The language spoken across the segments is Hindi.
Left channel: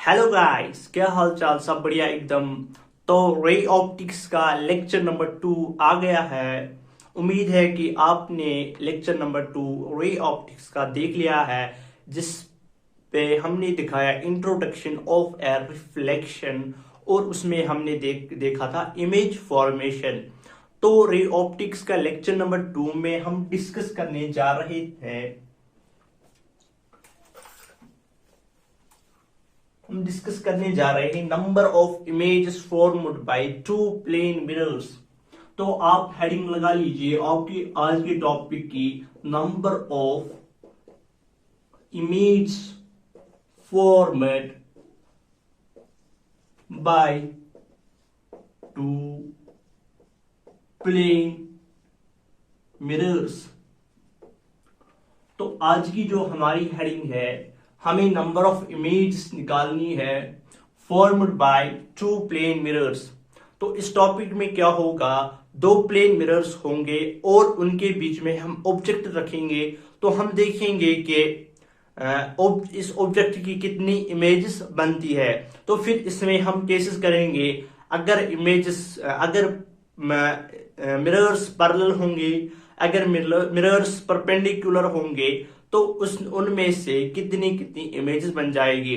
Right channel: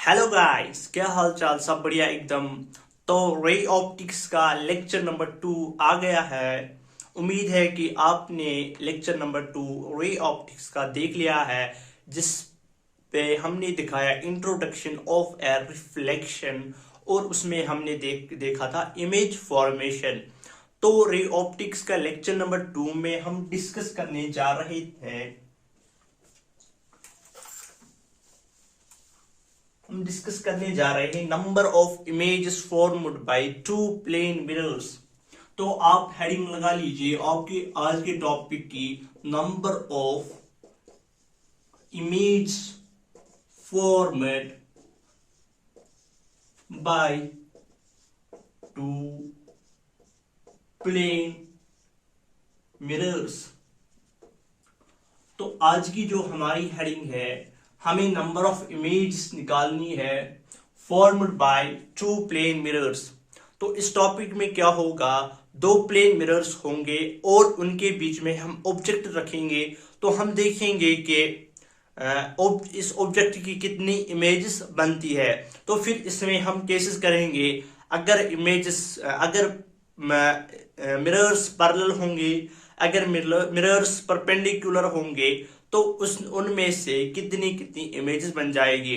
हेलो गाइस, क्या हाल चाल? सब बढ़िया एकदम। तो रे ऑप्टिक्स का लेक्चर नंबर 2 आ गया है। उम्मीद है कि आपने लेक्चर नंबर 2 रे ऑप्टिक्स का देख लिया है, जिस पे हमने दिखाया इंट्रोडक्शन ऑफ ए रिफ्लेक्शन और उसमें हमने देखा था इमेज फॉर्मेशन। तो रे ऑप्टिक्स का लेक्चर नंबर 2 में हम डिस्कस करने जा रहे थे। हम डिस्कस करने जा रहे हैं number of images formed by two plane mirrors. तो आप हेडिंग लगा लीजिए आपकी आज के टॉपिक की, number of image formed by two plane mirrors. तो आज की जो हमारी हेडिंग है, हमें नंबर ऑफ इमेज निकालनी है formed by two plane mirrors. तो इस टॉपिक में क्या होगा, दो प्लेन मिरर्स होंगे और उनके बीच में हम ऑब्जेक्ट रखेंगे। तो हम देखेंगे कि इस ऑब्जेक्ट की कितनी इमेजेस बनती है। तो फिर इसमें हम केसेस करेंगे, अगर मिरर्स पैरेलल होंगे, अगर मिरर्स परपेंडिकुलर होंगे, तो उस उनमें से कितनी कितनी इमेजेस बन जाएगी।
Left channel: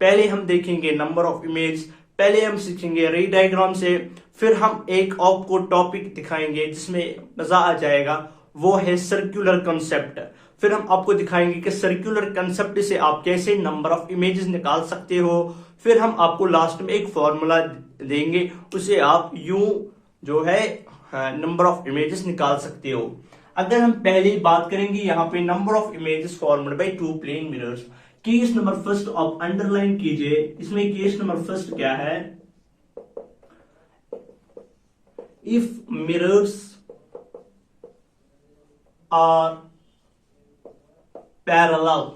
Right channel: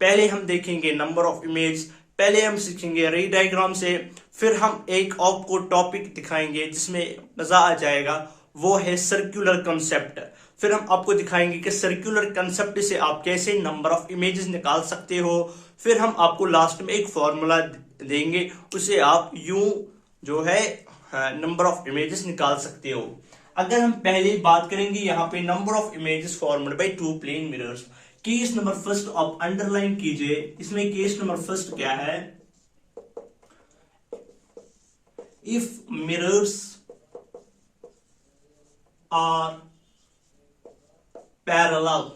पहले हम देखेंगे नंबर ऑफ इमेज, पहले हम सीखेंगे रे डायग्राम से, फिर हम एक आपको टॉपिक दिखाएंगे जिसमें मजा आ जाएगा, वो है सर्कुलर कंसेप्ट। फिर हम आपको दिखाएंगे कि सर्कुलर कंसेप्ट से आप कैसे नंबर ऑफ इमेजेस निकाल सकते हो। फिर हम आपको लास्ट में एक फॉर्मूला देंगे, उसे आप यूं जो है नंबर ऑफ इमेजेस निकाल सकते हो। अगर हम पहले बात करेंगे यहाँ पे number of images formed by two plane mirrors, case number first आप अंडरलाइन कीजिए। इसमें केस नंबर फर्स्ट क्या है, if mirrors are parallel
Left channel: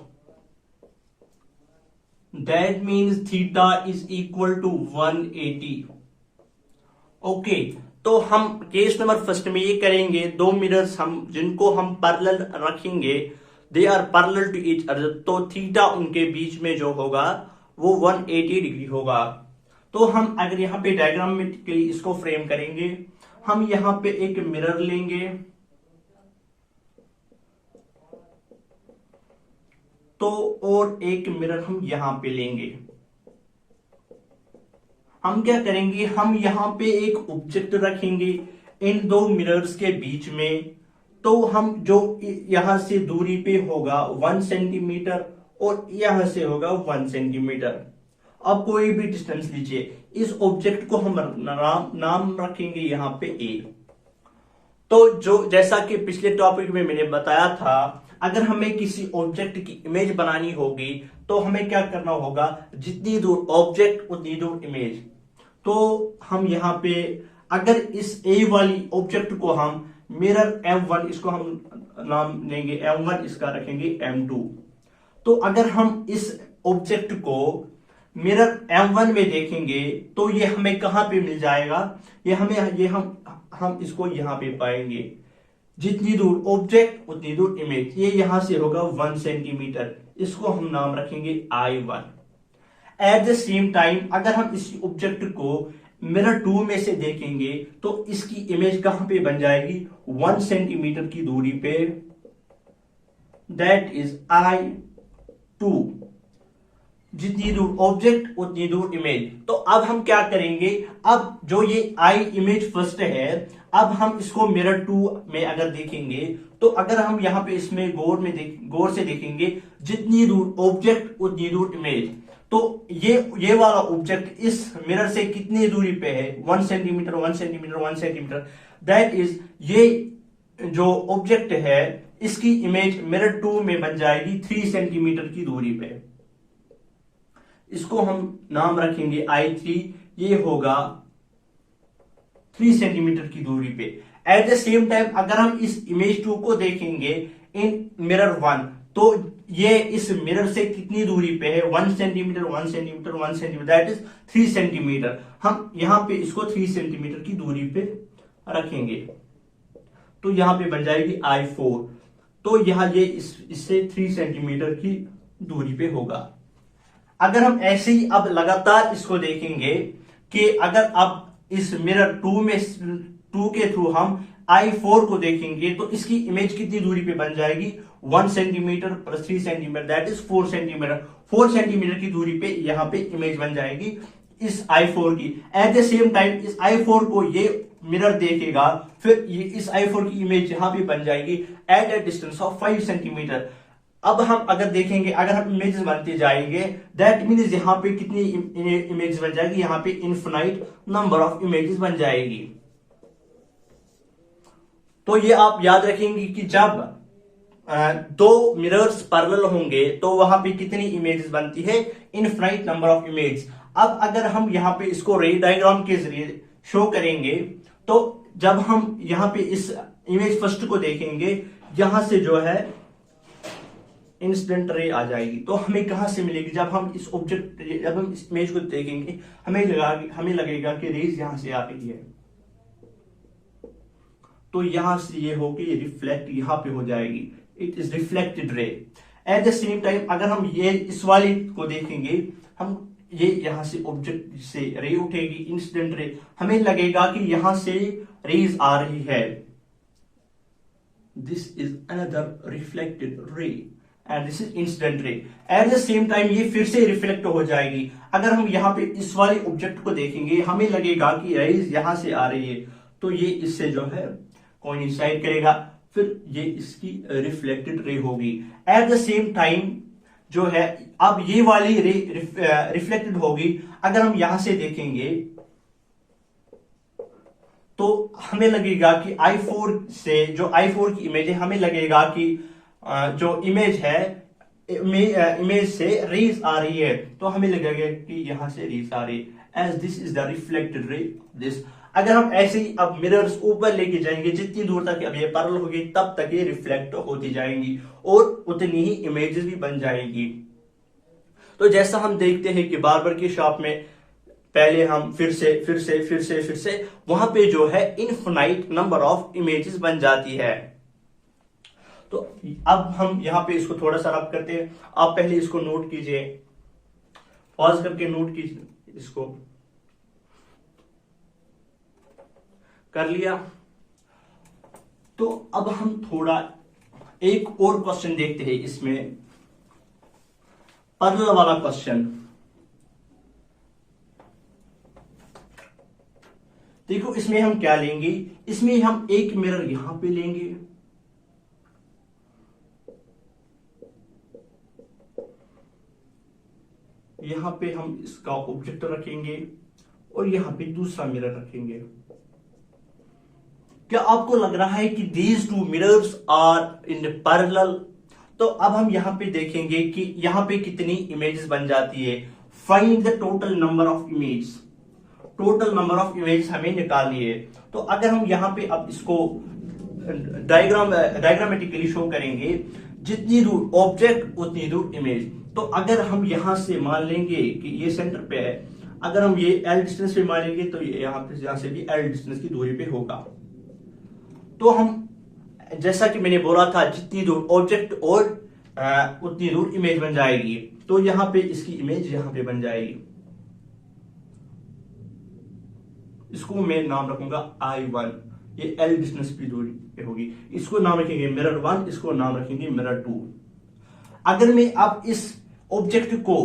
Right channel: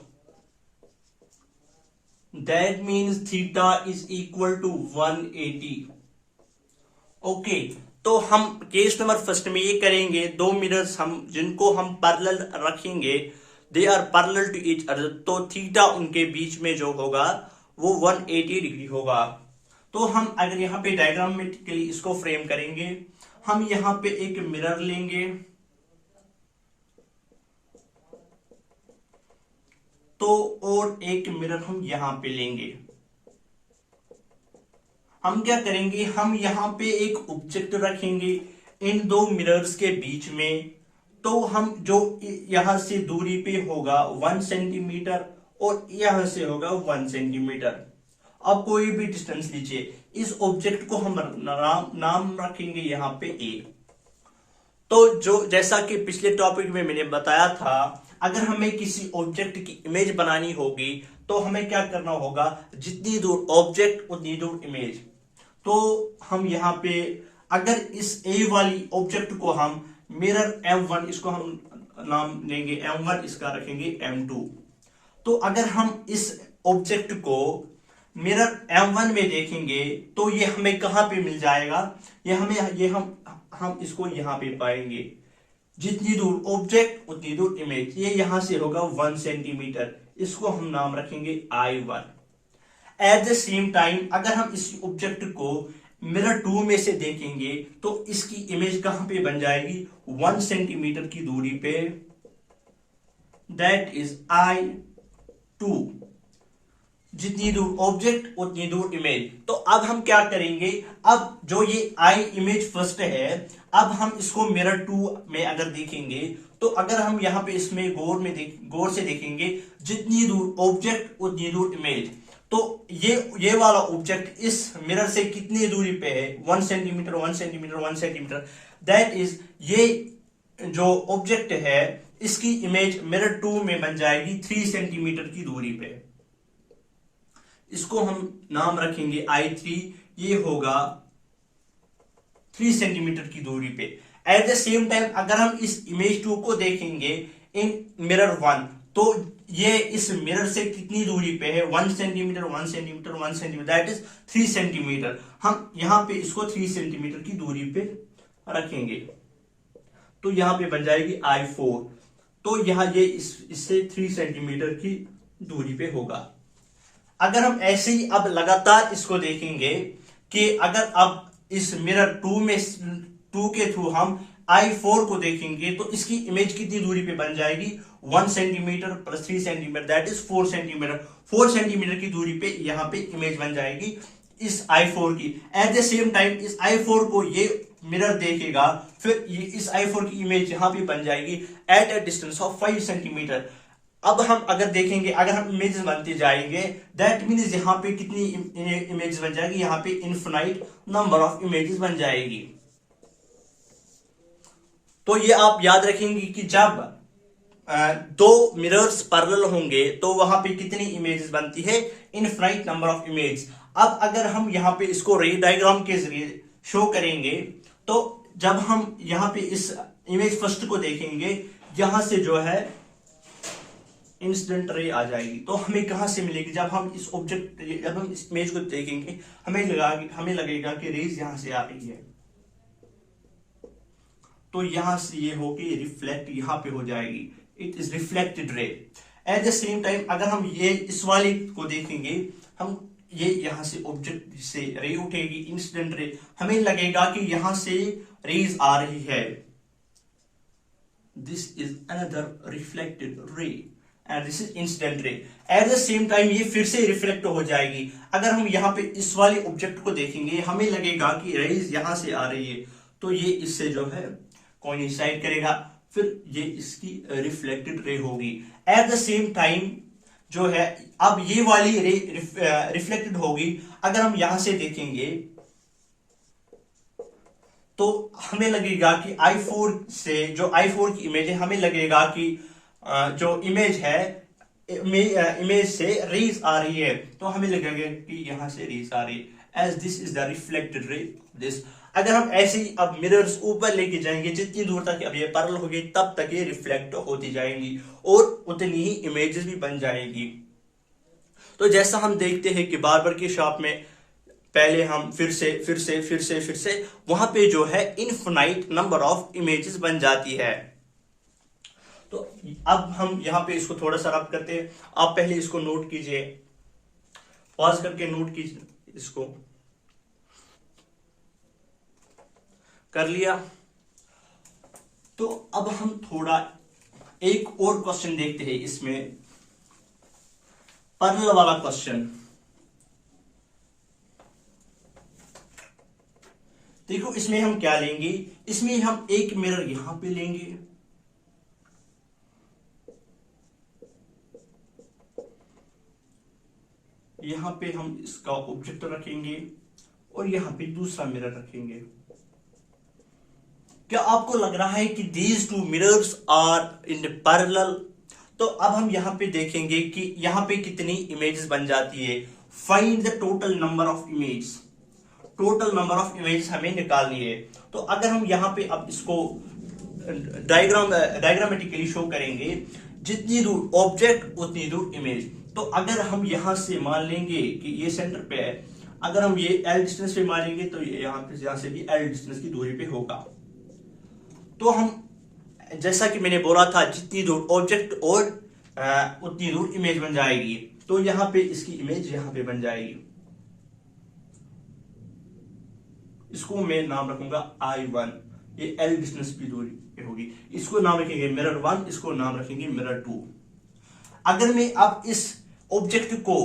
that means theta is equal to 180। Okay, तो हम केस नंबर फर्स्ट में ये करेंगे, दो मिरर्स हम जिनको हम पैरेलल रखेंगे, they are parallel to each other, तो थीटा उनके बीच में जो होगा वो 180 डिग्री होगा। तो हम अगर यहाँ पे डायग्राम में इसको फ्रेम करेंगे, हम यहाँ पे एक मिरर लेंगे, तो और एक मिरर हम यहां पे लेंगे। हम क्या करेंगे, हम यहां पे एक ऑब्जेक्ट रखेंगे इन दो मिरर्स के बीच में। तो हम जो यहां से दूरी पे होगा 1 सेंटीमीटर और यहां से होगा 1 सेंटीमीटर। अब कोई भी डिस्टेंस लीजिए, इस ऑब्जेक्ट को हम नाम रखेंगे यहां पे ए। तो जो जैसा कि पिछले टॉपिक में मैंने बताया था, अगर हमें किसी ऑब्जेक्ट की इमेज बनानी होगी तो हमें क्या करना होगा, जितनी दूर ऑब्जेक्ट उतनी दूर इमेज। तो हम यहां पे अगर इस ए वाली ऑब्जेक्ट को हम मिरर M1, इसको हम नाम देंगे M1, इसका रखेंगे M2। तो अगर हम इस ऑब्जेक्ट को मिरर M1 में देखेंगे तो ये हमें कहां पे मिल जाएगा, हम इसको यहां पे पाएंगे। जितनी दूर ऑब्जेक्ट उतनी दूर इमेज, ये यहां से होगा 1 सेंटीमीटर, इसको हम नाम रखेंगे I1। Eight the same time अगर हम इस ऑब्जेक्ट को मिरर 2 में से देखेंगे तो इसकी इमेज कहां पे बन जाएगी, 1 सेंटीमीटर की दूरी पे, दैट इज I2। जितनी दूर ऑब्जेक्ट उतनी दूर इमेज। तो अब हम क्या करेंगे, अब जो ये आई इमेज फर्स्ट है, अब हम इसको मिरर 2 में अगर देखेंगे, तो अगर हम यहां पे इसमें गौर से देखेंगे, जितनी दूर ऑब्जेक्ट उतनी दूर इमेज। तो ये वाला ऑब्जेक्ट इस मिरर से कितनी दूरी पे है, 1 centimetre 1 centimetre 1 centimetre, that is ये जो ऑब्जेक्ट है इसकी इमेज मिरर 2 में बन जाएगी 3 सेंटीमीटर की दूरी पे। इसको हम नाम रखेंगे I3, ये होगा 3 सेंटीमीटर की दूरी पे। एट द सेम टाइम अगर हम इस इमेज 2 को देखेंगे इन मिरर 1, तो ये इस मिरर से कितनी दूरी पे है, 1 centimetre 1 centimetre 1 centimetre, that is 3 centimetre. हम यहां पे इसको 3 सेंटीमीटर की दूरी पे रखेंगे, तो यहां पे बन जाएगी I4। तो यहां ये इससे 3 सेंटीमीटर की दूरी पे होगा। अगर हम ऐसे ही अब लगातार इसको देखेंगे कि अगर अब इस मिरर टू के थ्रू हम I4 को देखेंगे तो इसकी इमेज कितनी दूरी पे बन जाएगी, 1 centimetre plus 3 centimetre that is 4 centimetre. 4 centimetre की दूरी पे यहां पे इमेज बन जाएगी इस I4 की। एट द सेम टाइम इस I4 को ये मिरर देखेगा, फिर ये इस I4 की इमेज यहां पे बन जाएगी at a distance of 5 centimetre. अब हम अगर देखेंगे, अगर हम इमेजेस बनते जाएंगे दैट मीन्स यहां पे कितनी इमेज बन जाएगी, यहां पे इनफिनाइट नंबर ऑफ इमेजेस बन जाएगी। तो ये आप याद रखेंगे कि जब दो मिरर्स पैरेलल होंगे तो वहां पे कितनी इमेजेस बनती है, इनफिनाइट नंबर ऑफ इमेज। अब अगर हम यहां पे इसको रे डायग्राम के जरिए शो करेंगे तो जब हम यहां पे इस इमेज फर्स्ट को देखेंगे, यहां से जो है इंसिडेंट रे आ जाएगी। तो हमें कहां से मिलेगी, जब हम इस ऑब्जेक्ट, जब हम इस इमेज को देखेंगे हमें लगेगा कि रेज यहां से आ रही है, तो यहां से ये होगी रिफ्लेक्ट, यहां पे हो जाएगी, it is reflected ray. Eight the same time अगर हम ये इस वाली को देखेंगे, हम ये यहां से ऑब्जेक्ट से रे उठेगी इंसिडेंट रे, हमें लगेगा कि यहां से रेज आ रही है, this is another reflected ray and this is incident ray. Eight the same time ये फिर से रिफ्लेक्ट हो जाएगी। अगर हम यहाँ पे इस वाले ऑब्जेक्ट को देखेंगे हमें लगेगा कि रेज यहां से आ रही है, तो ये इससे जो है कोइंसाइड करेगा, फिर ये इसकी रिफ्लेक्टेड रे होगी। एट द सेम टाइम जो है अब ये वाली रे रिफ्लेक्टेड होगी। अगर हम यहां से देखेंगे तो हमें लगेगा कि I4 से जो I4 की इमेज है, हमें लगेगा कि जो इमेज है इमेज से रेज आ रही है, तो हमें लगेगा कि यहां से रेज आ रही है, as this is the reflected ray this. अगर हम ऐसे ही अब मिरर्स ऊपर लेके जाएंगे, जितनी दूर तक अब ये पैरेलल होगी तब तक ये रिफ्लेक्ट होती जाएंगी और उतनी ही इमेजेस भी बन जाएगी। तो जैसा हम देखते हैं कि बार्बर की शॉप में पहले हम फिर से वहां पे जो है इनफिनाइट नंबर ऑफ इमेजेस बन जाती है। तो अब हम यहां पे इसको थोड़ा सा रब करते हैं। आप पहले इसको नोट कीजिए, पॉज करके नोट कीजिए, इसको कर लिया। तो अब हम थोड़ा एक और क्वेश्चन देखते हैं, इसमें पैरेलल वाला क्वेश्चन। देखो इसमें हम क्या लेंगे, इसमें हम एक मिरर यहां पे लेंगे, यहां पे हम इसका ऑब्जेक्ट रखेंगे और यहां पे दूसरा मिरर रखेंगे। क्या आपको लग रहा है कि these two mirrors are in parallel? तो अब हम यहां पे देखेंगे कि यहां पे कितनी इमेजेस बन जाती है। Find the total number of image, total number of image हमें निकालनी है। तो अगर हम यहां पे अब इसको डायग्रामेटिकली शो करेंगे, जितनी दूर ऑब्जेक्ट उतनी दूर इमेज। तो अगर हम यहां से मान लेंगे कि ये सेंटर पे है, अगर हम ये L डिस्टेंस पे मान लेंगे तो ये यहां से भी L डिस्टेंस की दूरी पे होगा। तो हम जैसा कि मैंने बोला था, जितनी दूर ऑब्जेक्ट और उतनी दूर इमेज बन जाएगी। तो यहां पे इसकी इमेज यहां पे बन जाएगी, इसको मैं नाम रखूंगा I1, ये L डिस्टेंस की दूरी पे होगी। इसको नाम रखेंगे मिरर 1, इसको नाम रखेंगे मिरर 2। अगर मैं अब इस ऑब्जेक्ट को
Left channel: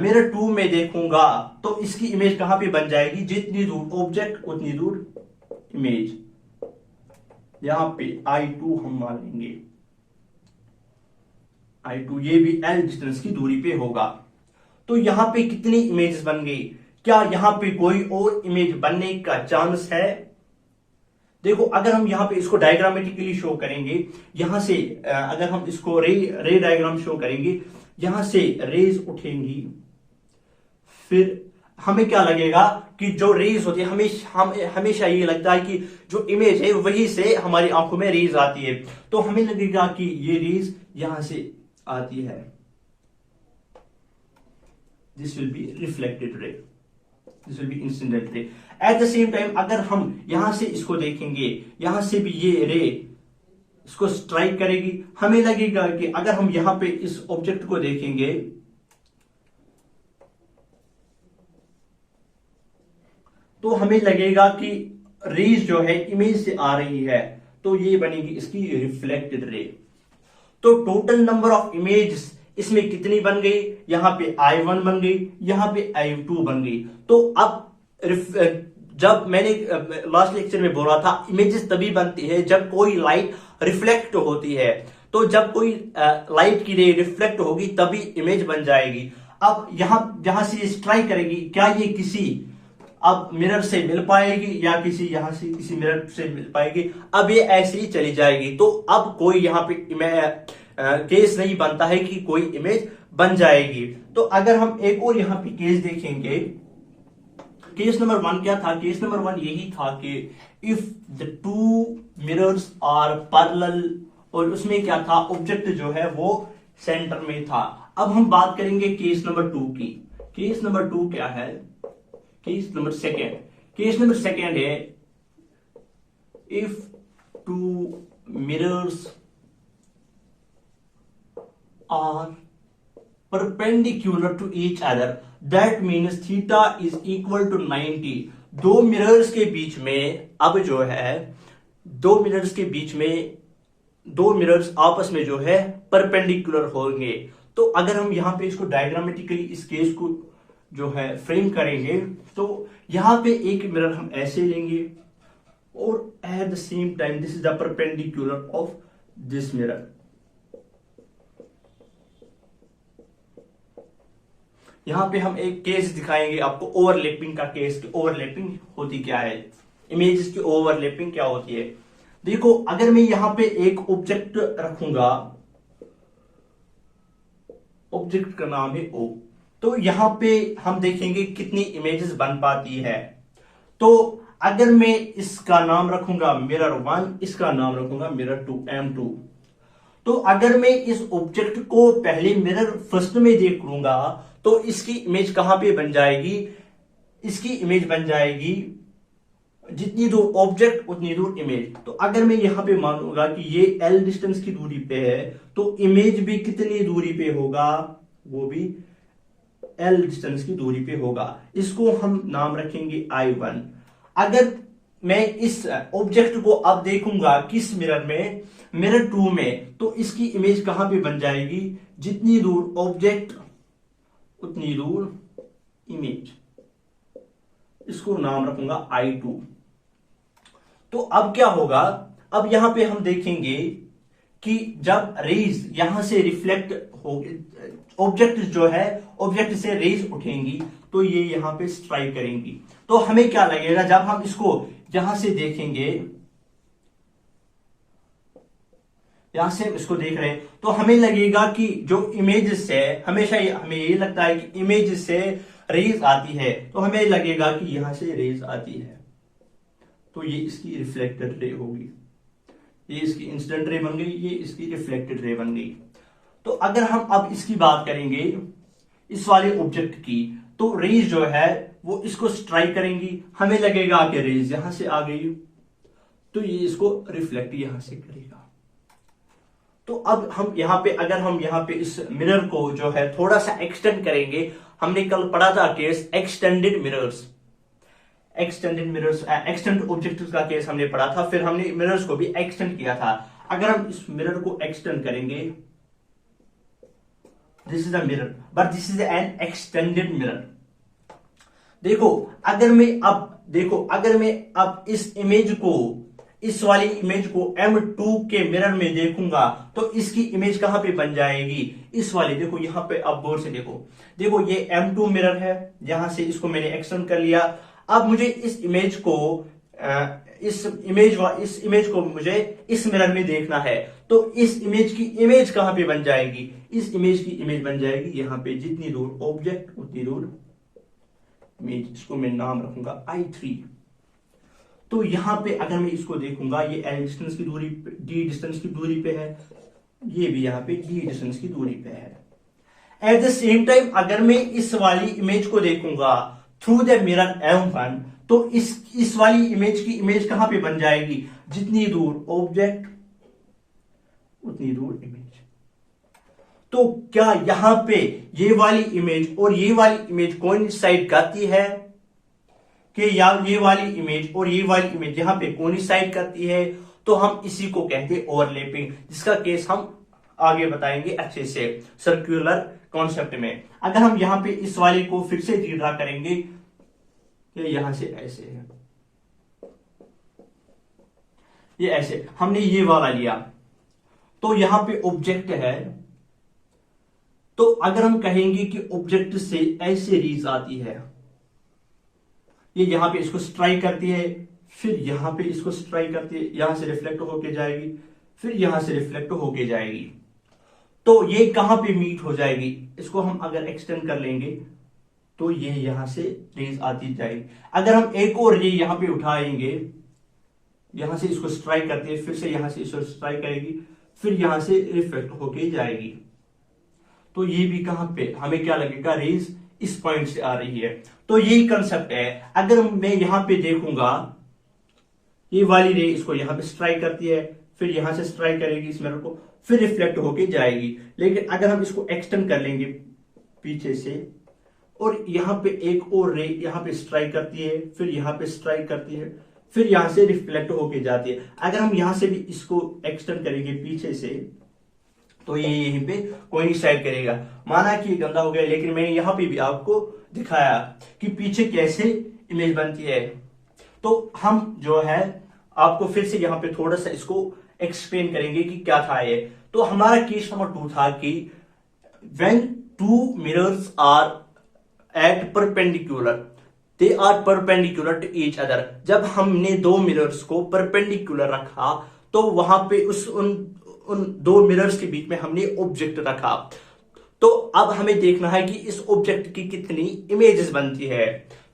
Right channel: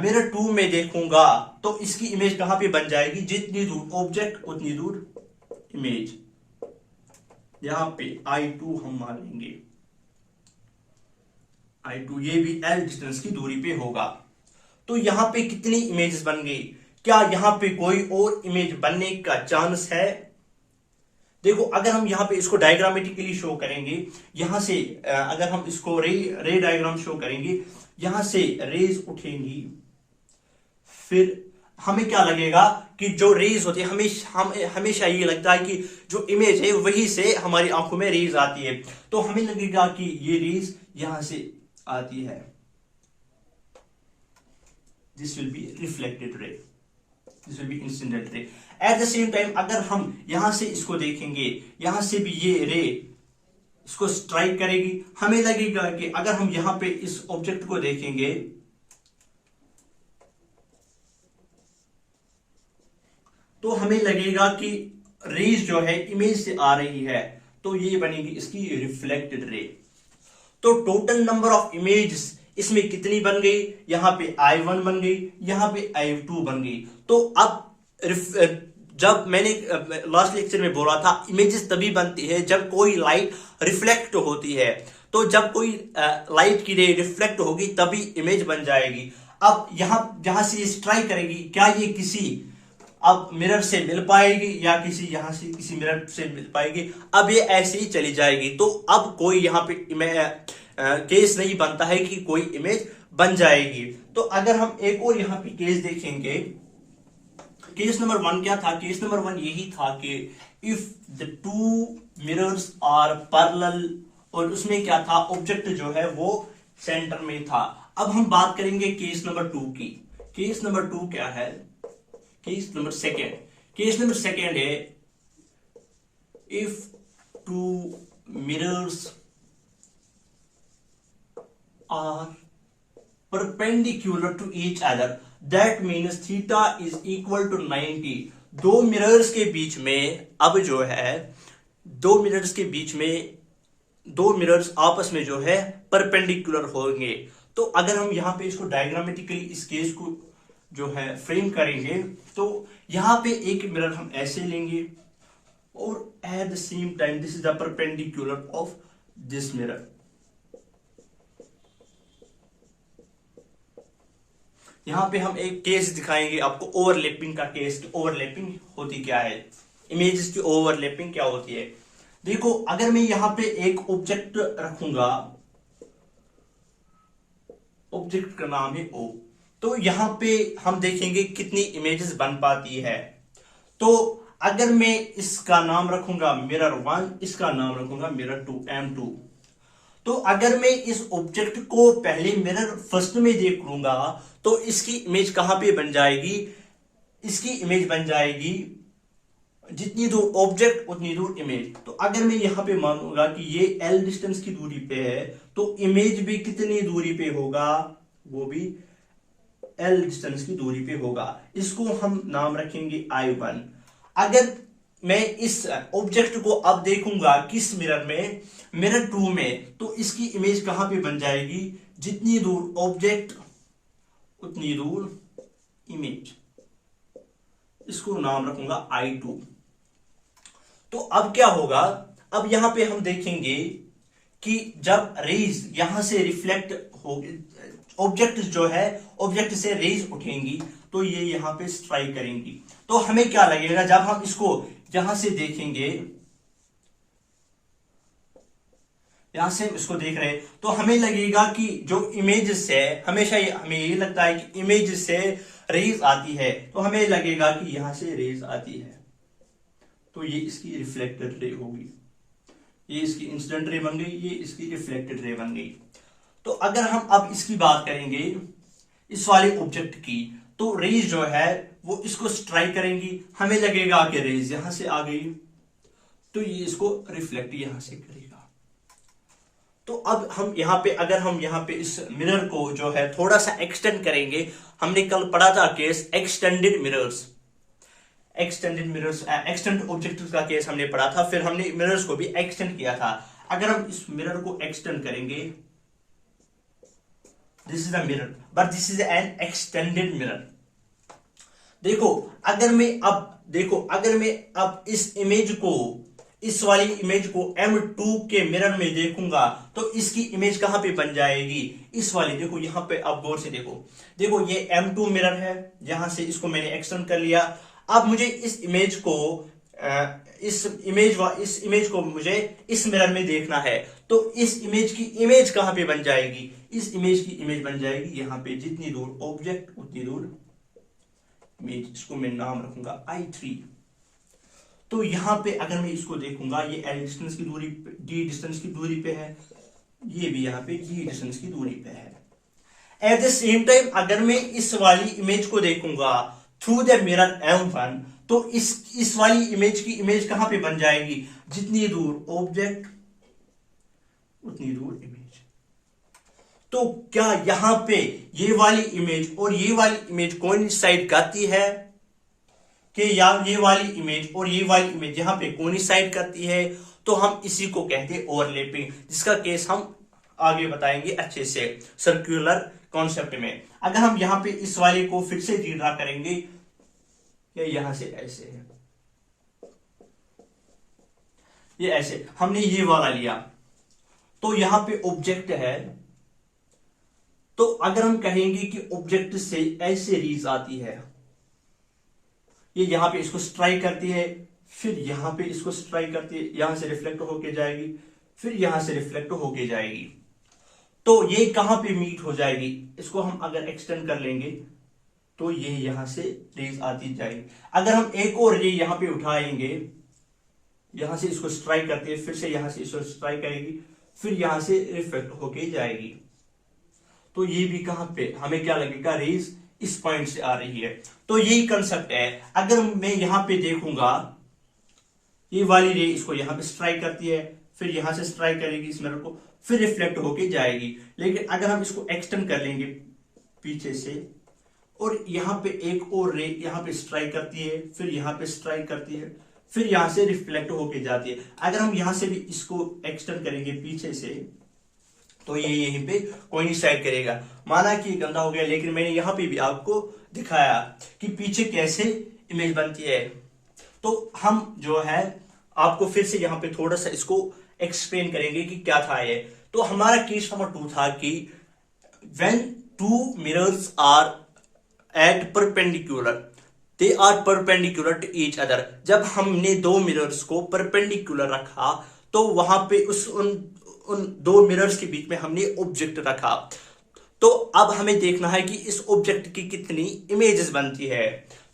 मिरर 2 में देखूंगा तो इसकी इमेज कहां पे बन जाएगी, जितनी दूर ऑब्जेक्ट उतनी दूर इमेज। यहां पे I2 हम मान लेंगे, I2 ये भी L डिस्टेंस की दूरी पे होगा। तो यहां पे कितनी इमेजेस बन गई? क्या यहां पे कोई और इमेज बनने का चांस है? देखो अगर हम यहां पे इसको डायग्रामेटिकली शो करेंगे, यहां से अगर हम इसको रे डायग्राम शो करेंगे, यहां से रेज उठेंगी, फिर हमें क्या लगेगा कि जो रेज होती है, हमेशा ये लगता है कि जो इमेज है वही से हमारी आंखों में रेज आती है। तो हमें लगेगा कि ये रेज यहां से आती है, this will be reflected ray, this will be incident ray. Eight the same time अगर हम यहां से इसको देखेंगे, यहां से भी ये रे इसको स्ट्राइक करेगी, हमें लगेगा कि अगर हम यहां पे इस ऑब्जेक्ट को देखेंगे तो हमें लगेगा कि रेज जो है इमेज से आ रही है, तो ये बनेगी इसकी रिफ्लेक्टेड रे। तो टोटल नंबर ऑफ इमेजेस इसमें कितनी बन गई, यहां पे I1 बन गई, यहां पे I2 बन गई। तो अब जब मैंने लास्ट लेक्चर में बोला था इमेजेस तभी बनती है जब कोई लाइट रिफ्लेक्ट होती है, तो जब कोई लाइट की रे रिफ्लेक्ट होगी तभी इमेज बन जाएगी। अब यहां से स्ट्राइक करेगी, क्या ये किसी अब मिरर से मिल पाएगी या किसी यहां से किसी मिरर से मिल पाएगी, अब ये ऐसे ही चली जाएगी। तो अब कोई यहां पे केस नहीं बनता है कि कोई इमेज बन जाएगी। तो अगर हम एक और यहां पे केस देखेंगे, केस नंबर 1 क्या था, केस नंबर 1 यही था कि if the two mirrors are parallel, और उसमें क्या था, ऑब्जेक्ट जो है वो सेंटर में था। अब हम बात करेंगे केस नंबर 2 की। केस नंबर 2 क्या है, case number second, case number second है if two mirrors are perpendicular to each other, that means theta is equal to 90। दो मिरर्स के बीच में, अब जो है दो मिरर्स के बीच में, दो मिरर्स आपस में जो है परपेंडिकुलर होंगे। तो अगर हम यहां पे इसको डायग्रामेटिकली इस केस को जो है फ्रेम करेंगे, तो यहां पे एक मिरर हम ऐसे लेंगे और eight the same time this is the perpendicular of this mirror. यहां पे हम एक केस दिखाएंगे आपको ओवरलैपिंग का केस, कि ओवरलैपिंग होती क्या है, इमेजेस की ओवरलैपिंग क्या होती है। देखो अगर मैं यहां पे एक ऑब्जेक्ट रखूंगा, ऑब्जेक्ट का नाम है O, तो यहां पे हम देखेंगे कितनी इमेजेस बन पाती है। तो अगर मैं इसका नाम रखूंगा मिरर 1, इसका नाम रखूंगा मिरर 2 M2, तो अगर मैं इस ऑब्जेक्ट को पहले मिरर फर्स्ट में देख लूंगा तो इसकी इमेज कहां पे बन जाएगी, इसकी इमेज बन जाएगी जितनी दूर ऑब्जेक्ट उतनी दूर इमेज। तो अगर मैं यहां पे मानूंगा कि ये L डिस्टेंस की दूरी पे है, तो इमेज भी कितनी दूरी पे होगा, वो भी L डिस्टेंस की दूरी पे होगा। इसको हम नाम रखेंगे I1। अगर मैं इस ऑब्जेक्ट को अब देखूंगा किस मिरर में, मिरर 2 में, तो इसकी इमेज कहां पे बन जाएगी, जितनी दूर ऑब्जेक्ट उतनी दूर इमेज। इसको नाम रखूंगा I2। तो अब क्या होगा, अब यहां पे हम देखेंगे कि जब रेज यहां से रिफ्लेक्ट होगी, ऑब्जेक्ट जो है ऑब्जेक्ट से रेज उठेंगी तो ये यहां पे स्ट्राइक करेंगी। तो हमें क्या लगेगा, जब हम इसको यहां से देखेंगे, यहां से इसको देख रहे हैं, तो हमें लगेगा कि जो इमेज से हमेशा हमें ये लगता है कि इमेज से रेज आती है, तो हमें लगेगा कि यहां से रेज आती है, तो ये इसकी रिफ्लेक्टेड रे होगी। ये इसकी इंसिडेंट रे बन गई, ये इसकी रिफ्लेक्टेड रे बन गई। तो अगर हम अब इसकी बात करेंगे इस वाले ऑब्जेक्ट की, तो रेज जो है वो इसको स्ट्राइक करेंगी, हमें लगेगा कि रेज यहां से आ गई, तो ये इसको रिफ्लेक्ट यहां से करेगा। तो अब हम यहां पे, अगर हम यहां पे इस मिरर को जो है थोड़ा सा एक्सटेंड करेंगे, हमने कल पढ़ा था case extended mirrors, extend objectives का केस हमने पढ़ा था, फिर हमने मिरर्स को भी एक्सटेंड किया था। अगर हम इस मिरर को एक्सटेंड करेंगे, this is a mirror but this is an extended mirror. देखो अगर मैं अब इस इमेज को, इस वाली इमेज को M2 के मिरर में देखूंगा, तो इसकी इमेज कहां पे बन जाएगी, इस वाली। देखो यहां पे आप गौर से देखो ये M2 मिरर है, यहां से इसको मैंने एक्सटेंड कर लिया। अब मुझे इस इमेज को मुझे इस मिरर में देखना है, तो इस इमेज की इमेज कहां पे बन जाएगी, इस इमेज की इमेज बन जाएगी यहां पे, जितनी दूर ऑब्जेक्ट उतनी दूर इमेज। इसको मैं नाम रखूंगा I3। तो यहां पे अगर मैं इसको देखूंगा, ये L डिस्टेंस की दूरी, D डिस्टेंस की दूरी पे है, ये भी यहां पे G डिस्टेंस की दूरी पे है। एट द सेम टाइम अगर मैं इस वाली इमेज को देखूंगा थ्रू द मिरर M1, तो इस वाली इमेज की इमेज कहां पे बन जाएगी, जितनी दूर ऑब्जेक्ट उतनी दूर इमेज। तो क्या यहां पे ये वाली इमेज और ये वाली इमेज कोइंसाइड करती है, कि यार ये वाली इमेज और ये वाली इमेज यहाँ पे कोइंसाइड करती है, तो हम इसी को कहते हैं ओवरलैपिंग, जिसका केस हम आगे बताएंगे अच्छे से सर्कुलर कॉन्सेप्ट में। अगर हम यहाँ पे इस वाले को फिर से ड्रा करेंगे कि यहां से ऐसे है, ये ऐसे हमने ये वाला लिया, तो यहां पे ऑब्जेक्ट है, तो अगर हम कहेंगे कि ऑब्जेक्ट से ऐसे रेज आती है, ये यहां पे इसको स्ट्राइक करती है, फिर यहां पे इसको स्ट्राइक करती है, यहां से रिफ्लेक्ट होके जाएगी, फिर यहां से रिफ्लेक्ट होके जाएगी, तो ये कहां पे मीट हो जाएगी, इसको हम अगर एक्सटेंड कर लेंगे तो ये यहां से रेज आती जाएगी। अगर हम एक और रे यहां पे उठाएंगे, यहां से इसको स्ट्राइक करती है, फिर से यहां से इसको स्ट्राइक करेगी, फिर यहां से रिफ्लेक्ट होके जाएगी, तो ये भी कहां पे हमें क्या लगेगा, रेज इस पॉइंट से आ रही है। तो यही कंसेप्ट है। अगर मैं यहां पे देखूंगा, ये वाली रे इसको यहां पे स्ट्राइक करती है, फिर यहां से स्ट्राइक करेगी इस मिरर को, फिर रिफ्लेक्ट होके जाएगी। लेकिन अगर हम इसको एक्सटेंड कर लेंगे पीछे से, और यहां पे एक और रे यहां पे स्ट्राइक करती है, फिर यहां पे स्ट्राइक करती है, फिर यहां से रिफ्लेक्ट होके जाती है। अगर हम यहां से भी इसको एक्सटेंड करेंगे पीछे से, तो ये यहीं पे कोइंसाइड करेगा। माना कि ये गंदा हो गया, लेकिन मैंने यहां पे भी आपको दिखाया कि पीछे कैसे इमेज बनती है। तो हम जो है आपको फिर से यहां पे थोड़ा सा इसको एक्सप्लेन करेंगे कि क्या था ये। तो हमारा केस नंबर 2 था कि when two mirrors are at perpendicular, they are perpendicular to each other। जब हमने दो मिरर्स को परपेंडिकुलर रखा, तो वहां पे उन दो मिरर्स के बीच में हमने ऑब्जेक्ट रखा। तो अब हमें देखना है कि इस ऑब्जेक्ट की कितनी इमेजेस बनती है।